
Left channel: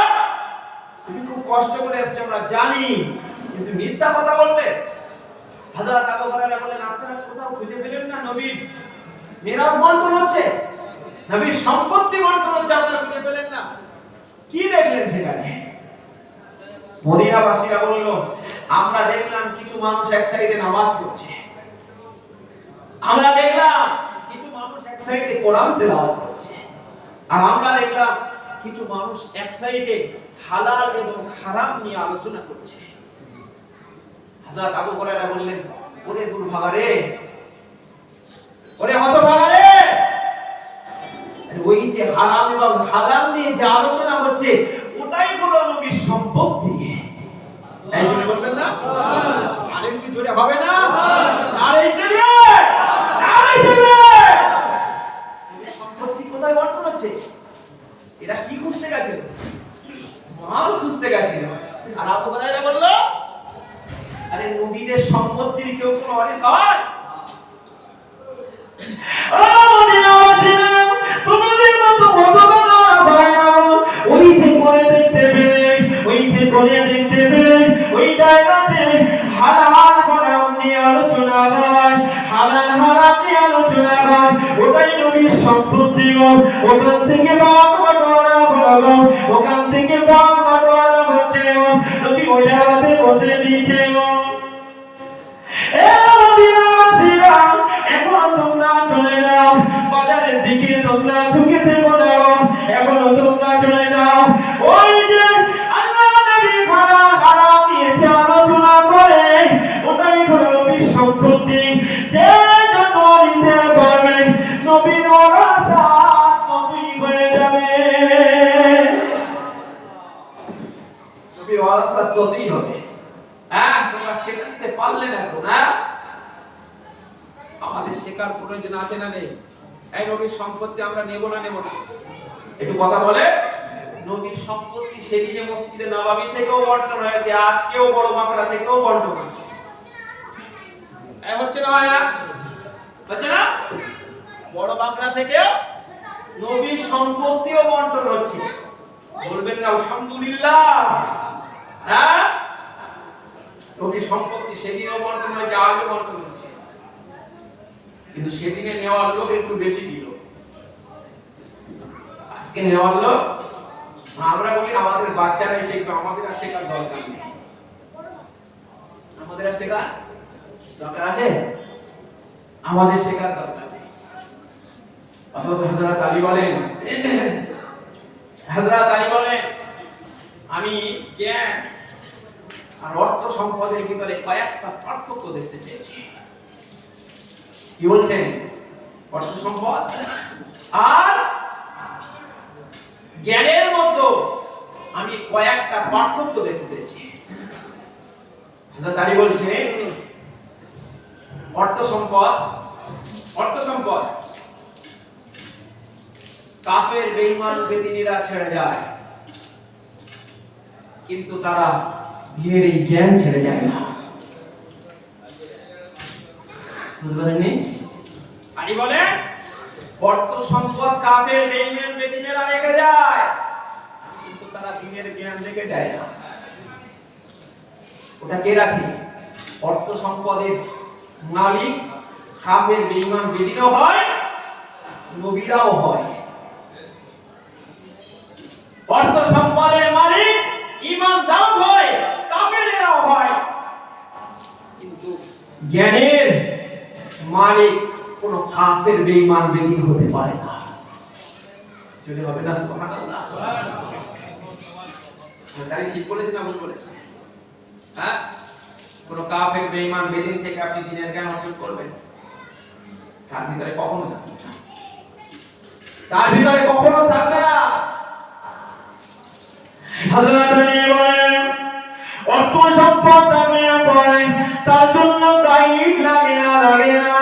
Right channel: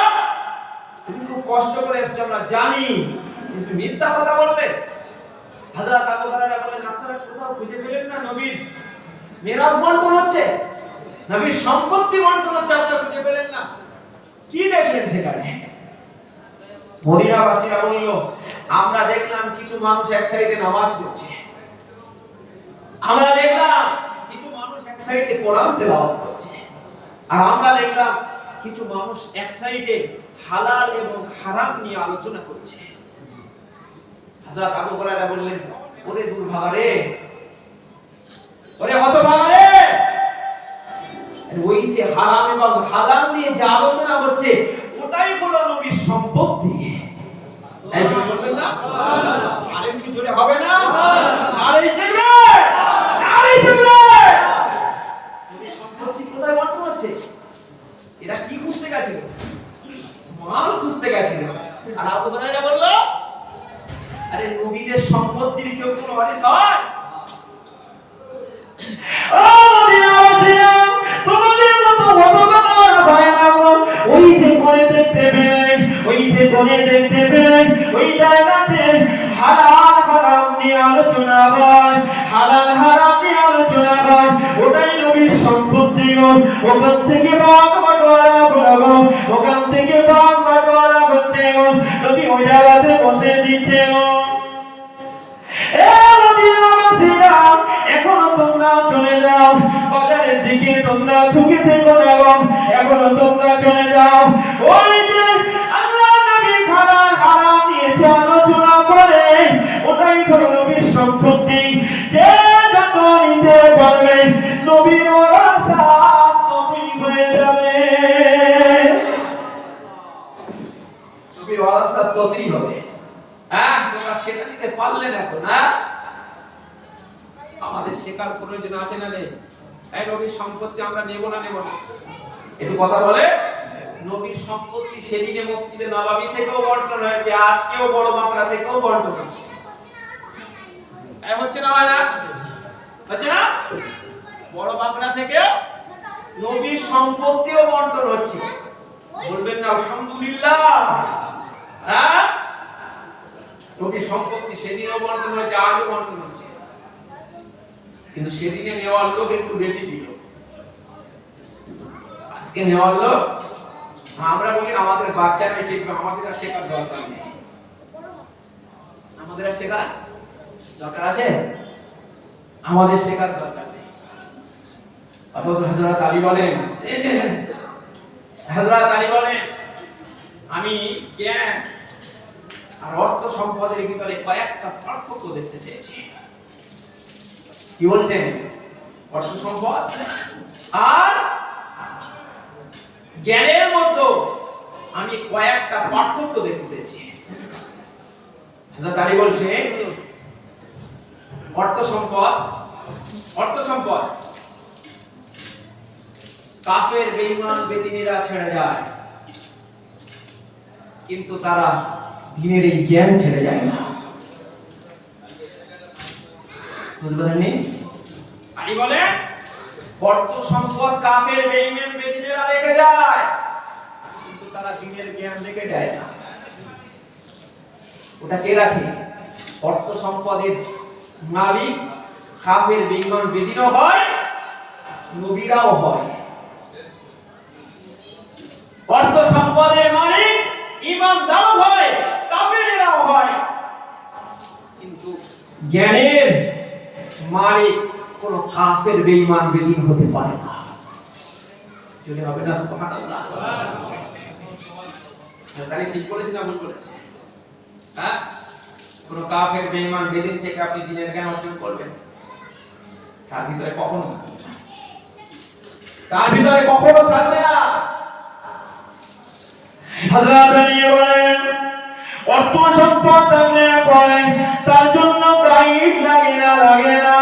তুমি খুব কষ্ট করে এসেছো আমরা জানি, কিন্তু মিথ্যা কথা বলবে? হযরত আবু হুরায়রা বলেন আপনারা কোথাও খুঁজে পেলেন না নবীর মিরাজ বন্টন হচ্ছে, নবীর সম্পত্তি বন্টন হচ্ছে, আপনারা খুঁজে পেলেন না? কি দেখলেন সেখানে? মদিনাবাসীরা বলল আমরা দেখলাম কিছু মানুষ এক সাইডে নামাজ পড়ছে, আমরা দেখলাম কিছু মানুষ এক সাইডে কোরআন তেলাওয়াত করছে, আর আমরা দেখলাম কিছু মানুষ এক সাইডে হালাল এবং হারাম নিয়ে আলোচনা করছে। হযরত আবু হুরায়রা বললেন, ওরে দুর্ভাগা রে, ওরে হতভাগা রে, ওই যে হারাম এবং হালাল নিয়ে যে আলোচনা হচ্ছে ওটাই হলো নবীর সম্পত্তি। এই জন্য বলবেন না আরেকটু জোরে হবে না? আরে দেখবে, আরে দেখবে নবীর সম্পত্তি কোথায় বন্টন হচ্ছে? এরা কি খুঁজতে গেছিল? মাল খুঁজতে গেছিল। আর আবু হুরায়রা বলল, আরে নবীদের সম্পত্তির কেউ কোনো ওয়ারিস হয়? ও মদিনাবাসীরা, তোমাদের মতো হতভাগা হয় না। ওই যে করে দেখতে পেলে, ওই যে করে দেখতে পেলে, ওই জায়গাতে হালাল হারাম নিয়ে আলোচনা হয়, হালাল হারাম নিয়ে আলোচনা হয়, ওটাই নবীর সম্পত্তি গো। ওখান থেকে ভাগ বাটোয়ারা করা গো, ওখান থেকে ভাগ বাটোয়ারা হচ্ছে গো। নবী ওই জায়গাতে বসে দিচ্ছে গো। এখনো তোমরা চলে যাও বাজারের দিকে, তোমরা ঝুঁকে থেকো না, এখনো তোমরা চলে যাও। ওই যে আল্লাহ নবী হালাল হারাম নিয়ে যে আলোচনা করে ওটাই হলো নবীর সম্পত্তি। যে যত নিতে পারবে নবীর ওয়ারাসাত ততই হয়ে যাবে, নবীর ওয়ারাসাত ততই হবে। হ্যাঁ, তোমরা সেটা নিতে পারলে না তো না? আমাদের শেখার প্রয়োজন আছে না নেই? এই নবীর সম্পত্তি আমরা নেব না নেব না একটু কথা বলে। নবীর সম্পত্তি সেদিনে মসজিদে নববী থেকেও বন্টন হয়েছে, আজকেও বড় বাঁকড়া থেকেও বন্টন হচ্ছে। এই হচ্ছে না, হয় না? হচ্ছে না? বড় বাঁকড়া থেকেও নবীর সম্পত্তিও বন্টন হচ্ছে। বলবেন না আলহামদুলিল্লাহ? হ্যাঁ, নবীর সম্পত্তি সেদিনও বন্টন হয়েছে, আজও বন্টন হচ্ছে। কিন্তু সেদিনে নেওয়ার লোক একটু বেশি দিল, আজকে নেওয়ার লোক। আমরা বলি আমাদের বাচ্চারাই শিখবে, আমাদের আর শেখার দরকার নেই। আমাদের আর শেখার দরকার আছে? আমাদের শেখার দরকার নেই। অথচ হযরত আলী বলেন, হযরত আলী বলেন, আমি জ্ঞান আর অর্থ সম্পদের ভিতরে কয়েকটা পার্থক্য দেখতে পেয়েছি। কি বলছেন? অর্থ সম্পদ আর জ্ঞানের মধ্যে আমি কয়েকটা পার্থক্য দেখতে পেয়েছি। হযরত আলী বলছেন, অর্থ সম্পদ কাফের বেঈমান বেদিনীরা ছেড়ে যায়, কিন্তু তারা দিনের এই জ্ঞান ছেড়ে যায় না। বুঝতে পারেননি? আলী বলেন, অর্থ সম্পদ কাফের বেঈমান বেদিনীরা রেখে যায়, কিন্তু তারা দিনের জ্ঞান রেখে যায় না। ওটা কে রাখে? অর্থ সম্পদের মালিক কাফের বেঈমান বেদিনও হয়, নবীরাও হয়। অর্থ সম্পদের মালিক ঈমানদারও হয়, কাফেরেরাও হয়, কিন্তু জ্ঞানের মালিক কোন কাফের বেঈমান বেদিন হতে পারে না। চলে হবে না? সুবহানাল্লাহ। তাই ঠিক বলেছি না ভুল বলেছি? হ্যাঁ, কোন কাফের বেঈমান বেদিন থেকে আপনি দ্বীনের জ্ঞান অর্জন করবেন, তার ভিতরে কখনো থাকবে না, তার ভিতরে কখনো থাকবে না। হযরত আলী বলেন, অর্থ সম্পদ থাকলে পরে তার জন্য গাইড লাগে না।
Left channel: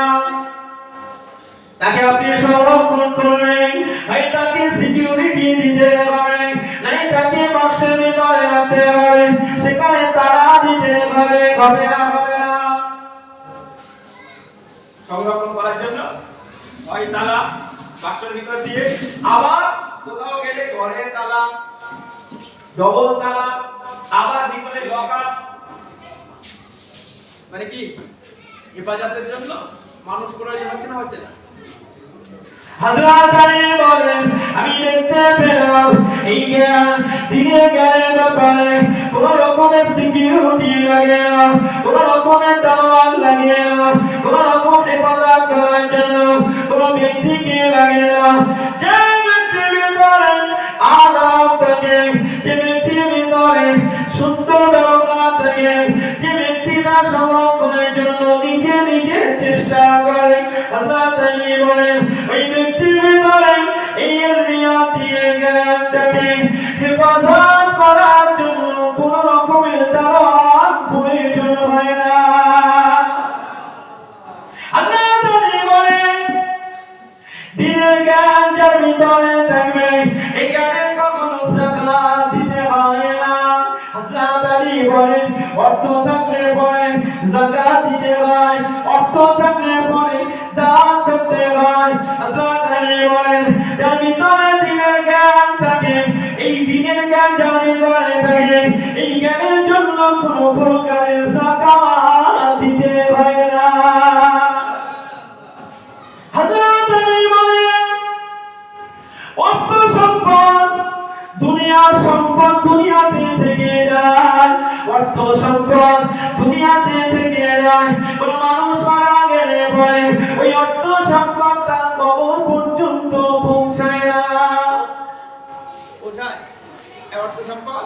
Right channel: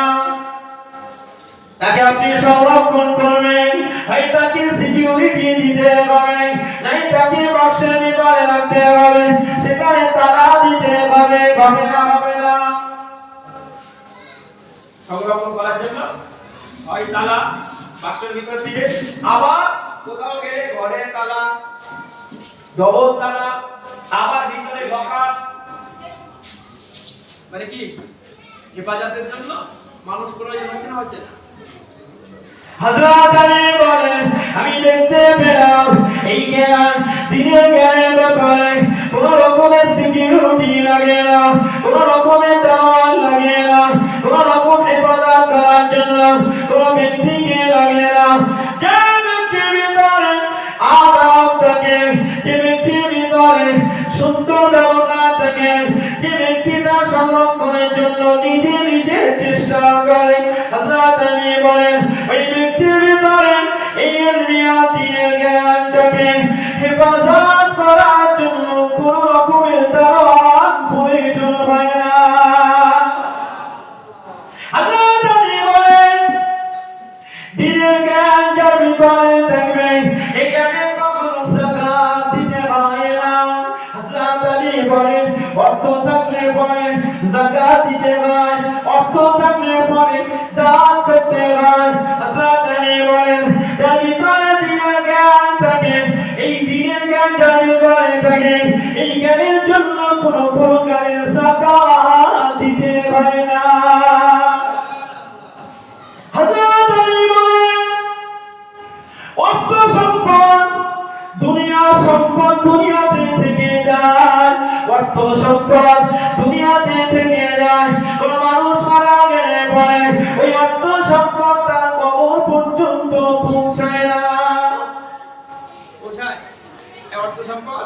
তাকে আপনি সংরক্ষণ করবেন, হয় তাকে সিকিউরিটি দিতে হবে, নাই তাকে বাক্সের ভিতরে রাখতে হবে, সেখানে তালা দিতে হবে, হবে না? সংরক্ষণ করার জন্য হয় তালা বাক্সের ভিতর দিয়ে, আবার কোথাও গেলে ঘরে তালা, ডবল তালা, আবার ভিতরে লকার। মানে কি হেফাজতের জন্য মানুষ প্রয়োজন হচ্ছে না? হচ্ছে না? হযরত আলী বলেন, আমি দেখতে পেলাম এই জ্ঞান, দিনের জ্ঞানের ব্যাপারে কোন রকমের সিকিউরিটি লাগে না, কোন রকমের দাওয়াত লাগে না, কোন রকম হেফাজত করার জন্য কোন ব্যক্তিকে লাগে না। যে ব্যক্তির ভিতরে থাকে, যে ব্যক্তির ভিতরে সুন্দর ব্যবহার থাকে, যে ব্যক্তি তার সংরক্ষণের জন্য নিজে নিজে চেষ্টা করে, হযরত আলী বলেন ওই ব্যক্তির ভিতরে এই ইলমিয়াতের জ্ঞান থাকে, হেফাজত করার জন্য কোনো রকমের দাওয়াত প্রয়োজন হয় না। হযরত আলী বলেন দিনের জ্ঞান যার ভিতরে থাকবে, এই জ্ঞানের কখনো যাকাত দিতে হয় না। হযরত আলী বলেন অর্থ থাকলে পরে যাকাত দিতে হয়, অর্থ থাকলে পরে দান করতে হয়। হযরত আলী বলেন যার ভিতরে দিনের জ্ঞান থাকে, এই দিনের জ্ঞান যার ভিতরে থাকে, এই জ্ঞানের জন্য কোনো প্রকারের যাকাত দিতে হয় না। হযরত আলী বলেন অর্থ সম্পদ দুনিয়ার সম্পদ দুনিয়াতে থেকে যায়, অর্থ সম্পদ দুনিয়াতে থেকে যায়। কোন মানুষ মারা গেলে পরে ওই অর্থ সম্পদ তার কবর পর্যন্ত পৌঁছায় না। পৌঁছায় এই অর্থ সম্পদ?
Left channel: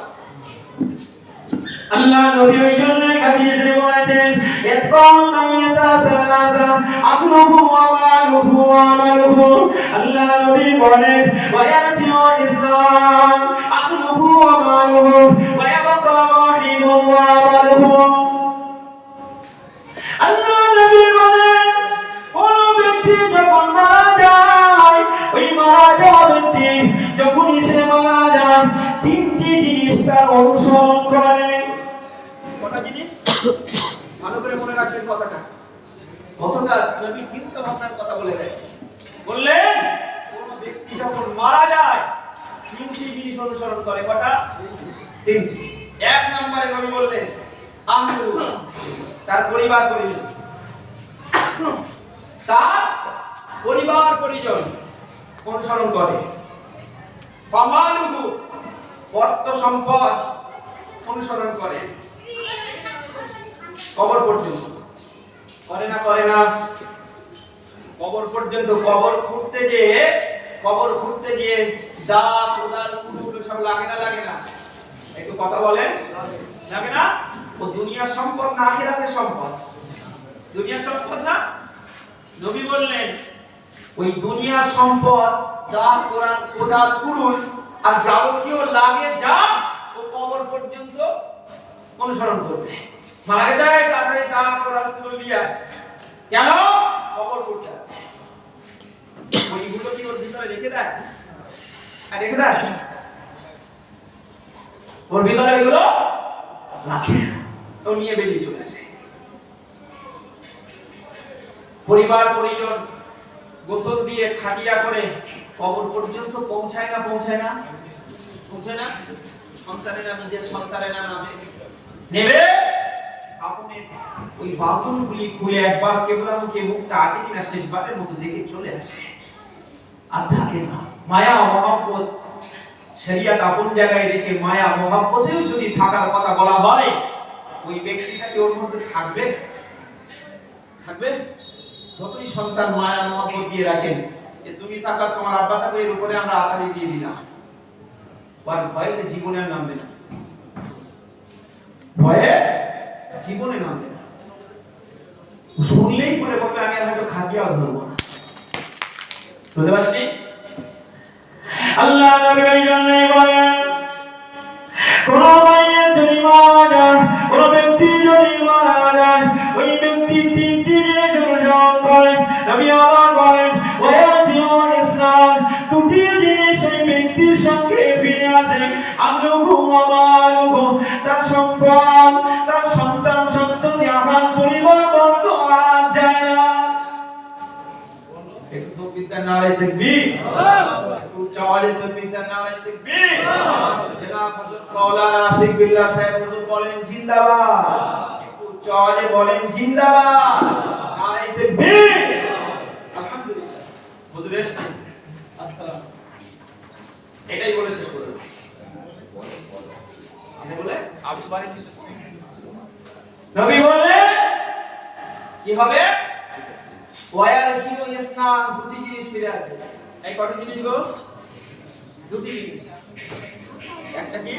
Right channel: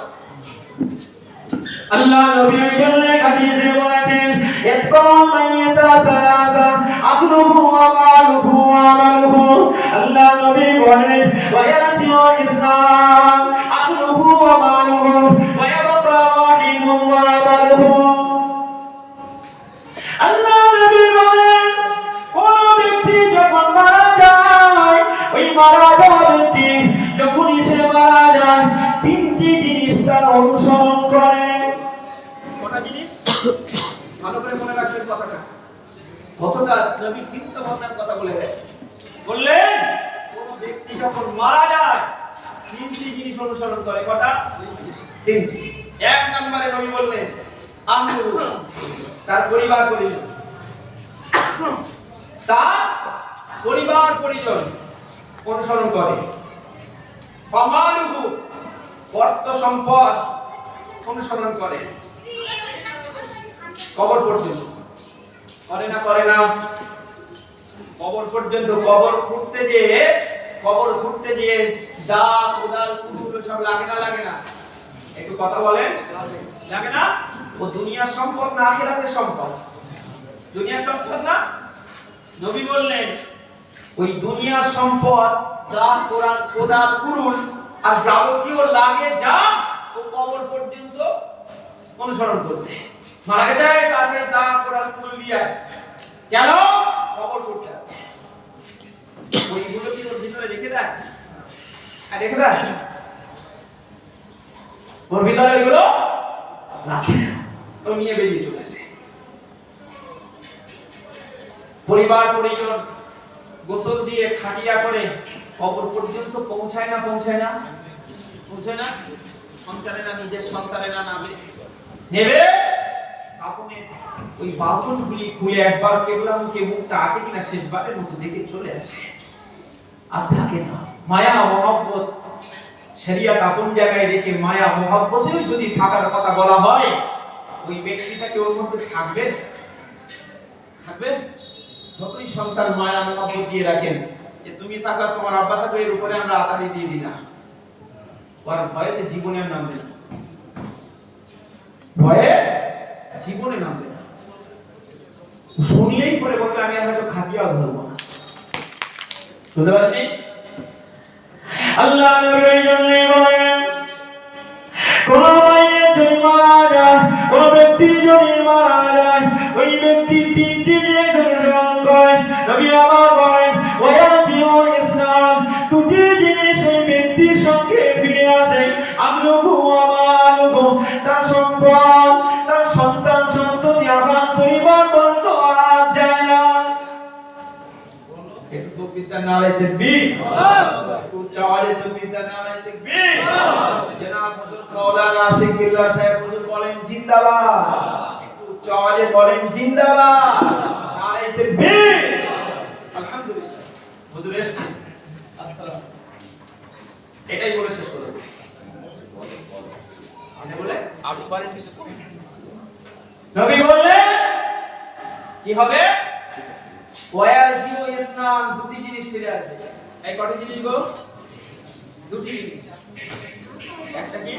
আল্লাহ নবী ওই জন্য হাদিসে বলেছেন ইতকাম মাইয়াতা সালাসা আকলুহু ওয়া মালুহু ওয়া আমালুহু। আল্লাহ নবী বলেন ওয়া ইয়ারজিউ ইসলাম আকলুহু ওয়া মালুহু ওয়া ইয়াবকা ওয়াহিদুন ওয়া আমালুহু। আল্লাহ নবী বলেন কোন ব্যক্তি যখন মারা যায়, ওই মারা যাওয়া ব্যক্তি যখনই সে মারা যায়, তিনটি জিনিস তার অনুসরণ করে। কটা জিনিস? ভালো করে মনে রাখবেন কথাটা। কতটা নবী চিন্তা ভাবনার কথা বলে গেছে। বললেন কোন ব্যক্তি যখন মারা যায় তিনটি জিনিস অনুসরণ করে। কটা? তিনটি। এক নম্বরে নবী বললেন আমলু, তার পরিবার পরিজন, তার পরিবার পরিজন অনুসরণ করে। ফামালুহু, অর্থ সম্পদ অনুসরণ করে। কবর পর্যন্ত করে না? করে না? কবর পর্যন্ত। কবর খুঁড়তে গিয়ে দা কোদাল কুড়ুল সব লাগে না? লাগে না? একটু কথা বলেন। লাগে না? ও দুনিয়ার সম্পদ না আখিরাতের সম্পদ? দুনিয়ার সম্পদ না? নবী বললেন ওই দুনিয়ার সম্পদ দা কোদাল কুড়ুল আর যাবতীয় লাগে যা, ও কবর পর্যন্ত অনুসরণ করবে। মারা গেছে তাড়াতাড়ি দা কোদাল কুড়ুল নিয়ে কেন? কবর করতে হবে। ওইগুলো কি ওর ভিতরে রেখে দেয়? আর রেখে দেয়? ওর ভিতরে এগুলো রাখে, ও নিয়ে বেরিয়ে চলে আসে। পরিবার পরিজন গোসল দিয়ে খাটিয়া করে কবর পর্যন্ত পৌঁছায় না? পৌঁছায় না? পৌঁছায় না? সন্তানেরা নিজের সন্তানেরা নেবে কাপড়ের ওই বাঁধনগুলি খুলে একবার কেবলা মুখে মুখটা আছে কিনা শেষবারের মতো দেখে চলে আসে, আর থাকে না। মায়া মহব্বত শরিয়ত আপন জায়গায় রেখে মায়া মহব্বতেও যদি থাকার কথা বলা হয়, ওই ব্যক্তিটাকে ওর মধ্যে থাকবে? থাকবে? যতই সন্তান মায়া মহব্বত দিয়ে রাখেন যে তুমি থাকা তোমার আব্বা থাকবে, এর উপরে আমরা আতারি দিয়ে দিলাম, আর ভয়ে জীবনে আর নামবে না। ভয়ে জীবনে নামবে না। শুনলেই পরে বলবে আমি আর হয়তো খাটিয়াও ধরবো না। বুঝতে পারছি? আল্লাহ নবী ওই জন্যই বলেন কোন মায়ের যদি মারা যায়, কোন ব্যক্তি যদি মারা যায়, ওই ব্যক্তি তিনটি জিনিস অনুসরণ করে। নবী আবার বলেন ওয়ায়াজিউ ইসলাম, দুটি জিনিস ওই ব্যক্তির সঙ্গে ফিরে আসে। আমলুহু ওয়া মালুহু, তার সম্পদ, তার সন্তান সন্ততি, আমার পরিবার বন্ধ আর যায় না। একটু বিদ্যা নারে তাকবীর, উচ্চ আওয়াজে তাকবীর নারে তাকবীর। জনাব হযরত মাওলানা আশিক বিল্লাহ সাহেব হুজুর বলেন জিন্দাবাদ। একটু উচ্চ আওয়াজে বলেন জিন্দাবাদ, নারে তাকবীর। আলহামদুলিল্লাহ হুজুর এসেছেন। আসসালাম। এটাই বলে শেষ করব। মানে বলে আবিষ্কারে কিছু নবী বললেন কি হবে? ওয়ায়াজিউ ইসলাম, দুটি জিনিস ফিরে আসবে। এই কত জিনিস গো? দুটি জিনিস। একটা কি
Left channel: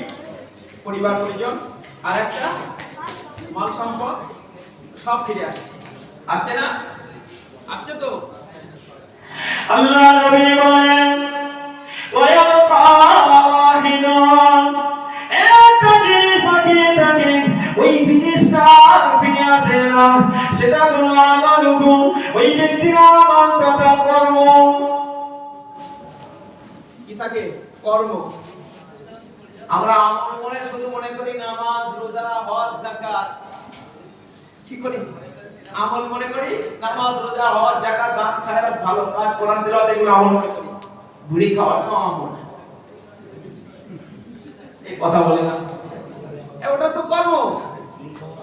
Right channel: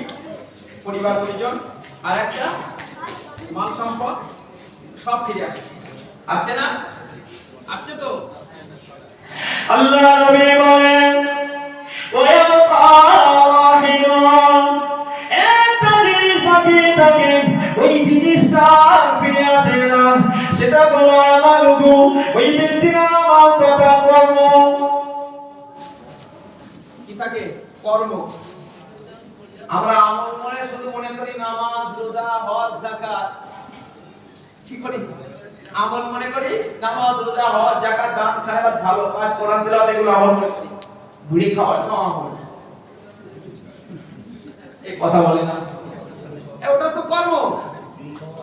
পরিবার পরিজন, আর একটা মাল সম্পদ, সব ফিরে আসছে। আসছে না? আসছে তো। আল্লাহ নবী বলেন ওয়ায়াবকা ওয়াহিদুন, একটা জিনিস বাকি থাকে, ওই জিনিসটা ফিরে আসে না, সেটা হলো আমালুকু, ওই ব্যক্তির আমল তথা কর্ম। কি থাকে? কর্ম। আমরা আমল মনে শুধু মনে করি নামাজ, রোজা, হজ, যাকাত। কি করি? আমল মনে করি নামাজ, রোজা, হজ, যাকাত, দান, খায়রাত, ভালো কাজ, কোরআন তেলাওয়াত, এগুলো আমল মনে করি। বুড়ি খাওয়াটাও আমল। এই কথা বলে না, ওটা তো কর্ম।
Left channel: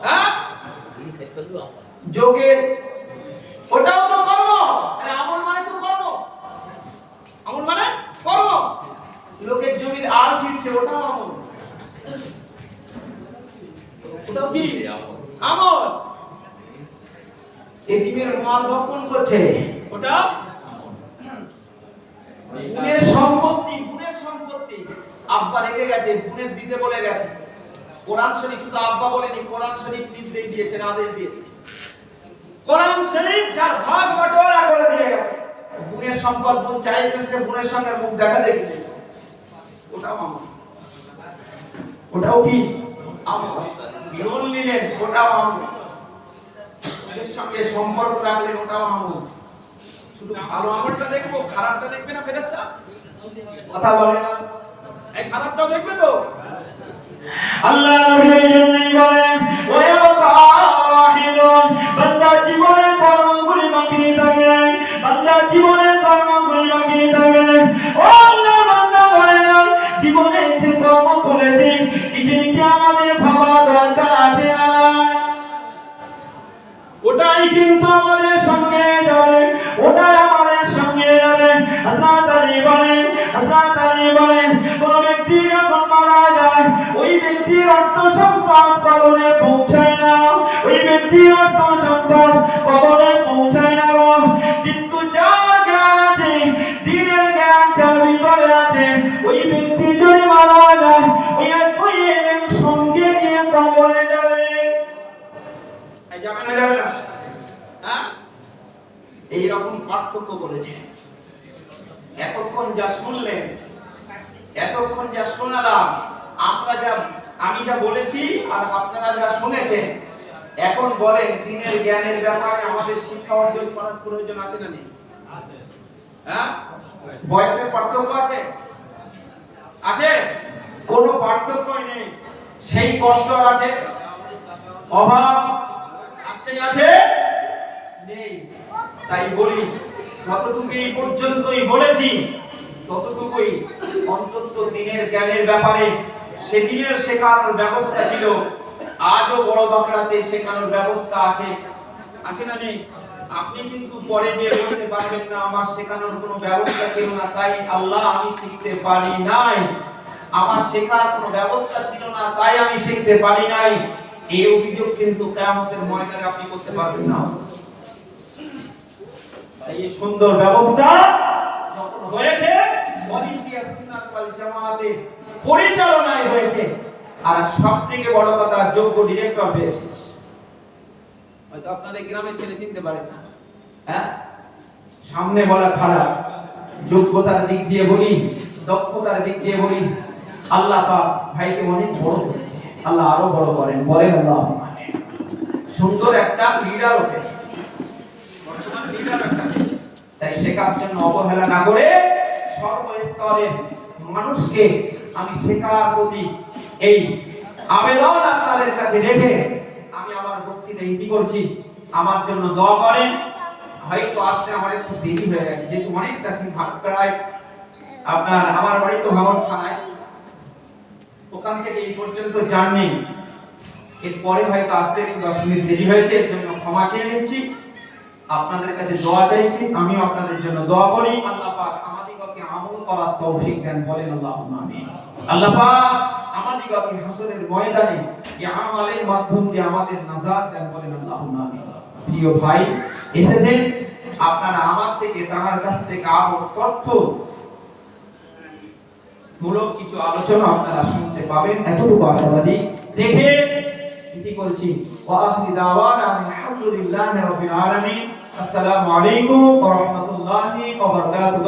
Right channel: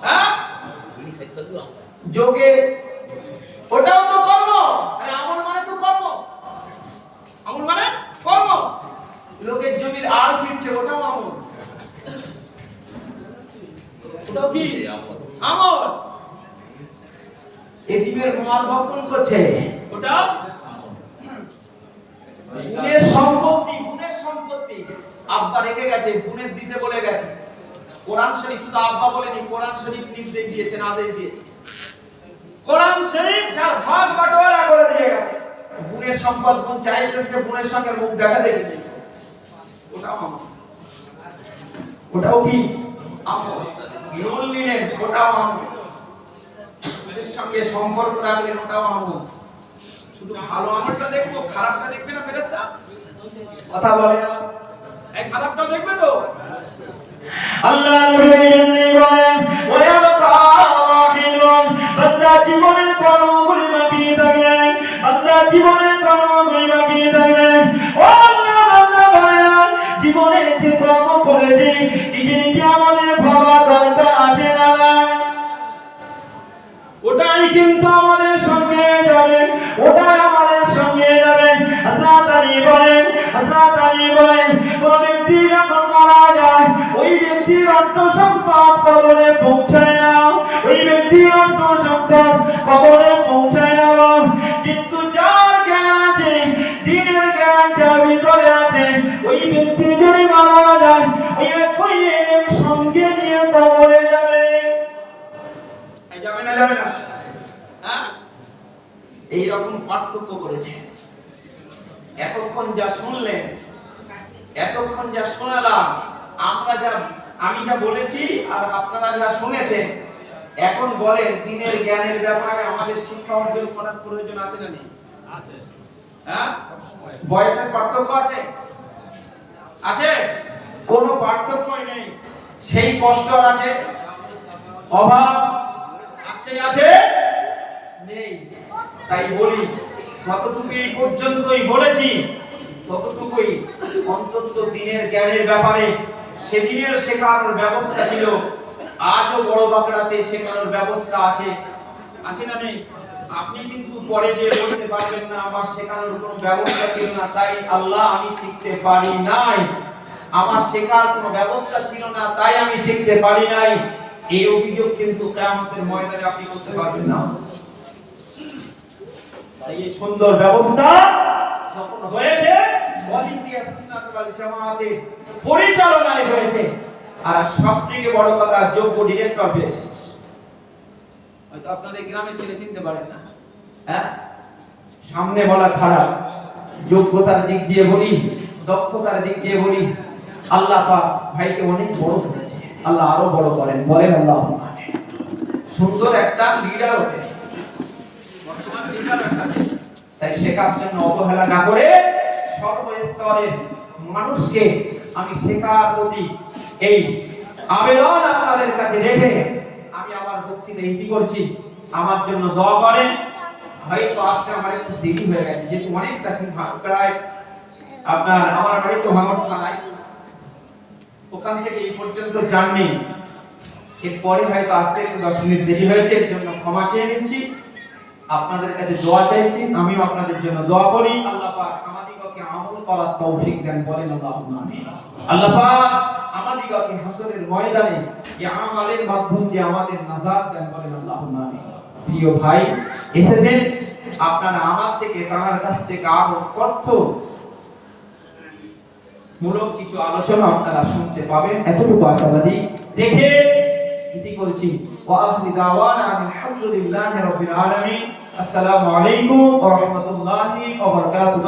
হ্যাঁ, যোগে ওটাও তো কর্ম। আরে আমল মানে তো কর্ম। আমল মানে কর্ম। লোকের জমির আল ছিঁড়ছে, ওটাও আমল। ওটাও কি আমল? এতিমের মাল ভক্ষণ করছে, ওটা বোনের সম্পত্তি, বোনের সম্পত্তি আব্বা রেখে গেছে, বোনের দিতে বলে গেছে। কোরআন শরীফ শুধু আব্বা বলেনি, কোরআন শরীফ নির্দেশ দিয়েছেন, আদেশ দিয়েছে। কোরআন শরীফ যার ভাগ বাটোয়ারা করে দিয়ে গেছে। বোনের সম্পদ বোন চাইতেছে, বোনের সঙ্গে মুখ দেখা দেখি নেই, ওটাও আমল। ওটাও কি আমল? লোন নিলেন, ওটাও আমল। ওদের সঙ্গে সম্পর্ক রাখলেন, ওটাও আমল। শুধু ভালো আমলটা দেখবো, খারাপটা দেখবে না ফেরেশতা? কথা বলে না, এই খারাপটাও দেখবে তো। আল্লাহ নবী বলেন ওয়ায়াবকা ওয়াহিদুন, বান্দা জীবনের কর্মগুলি বাকি থাকবে, বান্দা জীবনের কর্মগুলি বাকি থাকবে। ও আল্লাহ, বান্দা বলেন জীবনে যে কর্ম করেছি, এই জিনিসটি আমাদের ভাবা দরকার আছে না? ওটাই কিন্তু আমাদের সঙ্গে যাবে, ওটাই আমাদের সঙ্গে যাবে। আল্লাহ তাআলা বলেন, আল্লাহ তাআলা বলেন কোন ব্যক্তি যখন মারা যায়, ওই ব্যক্তির অর্থ সম্পদ কবরে পৌঁছায় না, ওই ব্যক্তির অর্থ সম্পদ কবরে পৌঁছায় না। কিন্তু যার জ্ঞান আছে, দিনের জ্ঞান যার ভিতরে আছে, ওই ব্যক্তি যদি মারা যায়, ওই ইলম সঙ্গে নিয়ে কবরে যাবে। যাবে না? যাবে না? হ্যাঁ, এইরকম পার্থক্য করেছে। এতক্ষণ যা শুনলেন, এতক্ষণ যা শোনালাম, আমি যা বলেছি আর আপনারা যা শুনেছেন, এখন বলেন দিনের জ্ঞানের ব্যাপারে আমাদের শিক্ষা অর্জন করার প্রয়োজন আছে না নেই? হ্যাঁ, বয়সের পার্থক্য আছে? আছে? কোনো পার্থক্যই নেই। সেই কষ্ট আছে, অভাব আছে নেই। তাই বলি, যতটুকু এই পর্যন্তই বলেছি, ততটুকুই অন্তত দিনের জ্ঞানের ব্যাপারে সেদিনের শেখানোর ব্যবস্থা ছিল, আজও বড় বাকড়াতে শেখানোর ব্যবস্থা আছে। আছে না নেই? আপনি কিন্তু পরে যে বলতে পারবেন না আমার শেখানোর কোনো ব্যবস্থা ছিল না, তাই আল্লাহ আমি শিখতে পারি নাই, আমার শেখার কোনো ব্যবস্থা ছিল না তাই আমি শিখতে পারি নাই, এই অভিযোগ কিন্তু কিয়ামতের ময়দানে আপনি করতে পারবেন না। তাই এই সুন্দর ব্যবস্থা যখন হয়েছে, ওয়ালিদিয়া সুন্নাত ওয়াল জামাতের পরিচালনায় হয়েছে, আর সবথেকে বড় কথা যোগ্য ডিরেক্টর হয়েছে। হয়তো আপনাদের গ্রামের ছেলে চিনতে পারেন না, হ্যাঁ, সামনে বলা খারাপ, যোগ্যতার দিক দিয়ে বলি, দক্ষতার দিক দিয়ে বলি, আল্লাহ পাক ভাইকে অনেক বড় করেছে, আল্লাহ আরো বড় করেন, বলেন আল্লাহুম্মা আমিন। সুন্দর একটা লিডার হয়েছে, বর্তমান লিডার একটা হয়েছে। তাই শেখার জন্য অবহেলা না করে সর্বস্তরের মানুষকে আমি শেখার প্রতি এই আবেদন আপনাদের কাছে রেখে আমি আমার বক্তৃতা ইতি করছি। আমার জন্য দোয়া করেন। হয়তো আসতে আমার একটু দেরি হয়ে গেছে, যেহেতু অনেকটা প্রায় আপনার আমার বাড়ি তো ভাঙড় থানায়, ওখান থেকে এই পর্যন্ত জার্নি, এরপরে হয়তো আসতে একটু 10 মিনিট দেরি হয়েছে, এর জন্য ক্ষমা চেয়ে নিচ্ছি, আপনাদের কাছে দোয়া চাইছি, আমিও আপনাদের জন্য দোয়া করি। আল্লাহ পাক আমাদিগকে আমল করার তৌফিক দেন, বলেন আল্লাহুম্মা আমিন। আল্লাহ পাক আমাদিগকে হাসরের ময়দানে এই আমলের মাধ্যম দিয়ে আমাদের নাজাত দেন, বলেন আল্লাহুম্মা আমিন। প্রিয় ভাই এসেছেন, আপনারা আমার থেকে, তার কাছ থেকে আরো তথ্য মূলক কিছু আলোচনা আপনারা শুনতে পাবেন, এতটুকু আশাবাদী রেখে ইতি করছি। ওয়া আখিরু দাওয়ানা আলহামদুলিল্লাহি রাব্বিল আলামিন। আসসালামু আলাইকুম ওয়া রাহমাতুল্লাহি ওয়া বারাকাতুহু।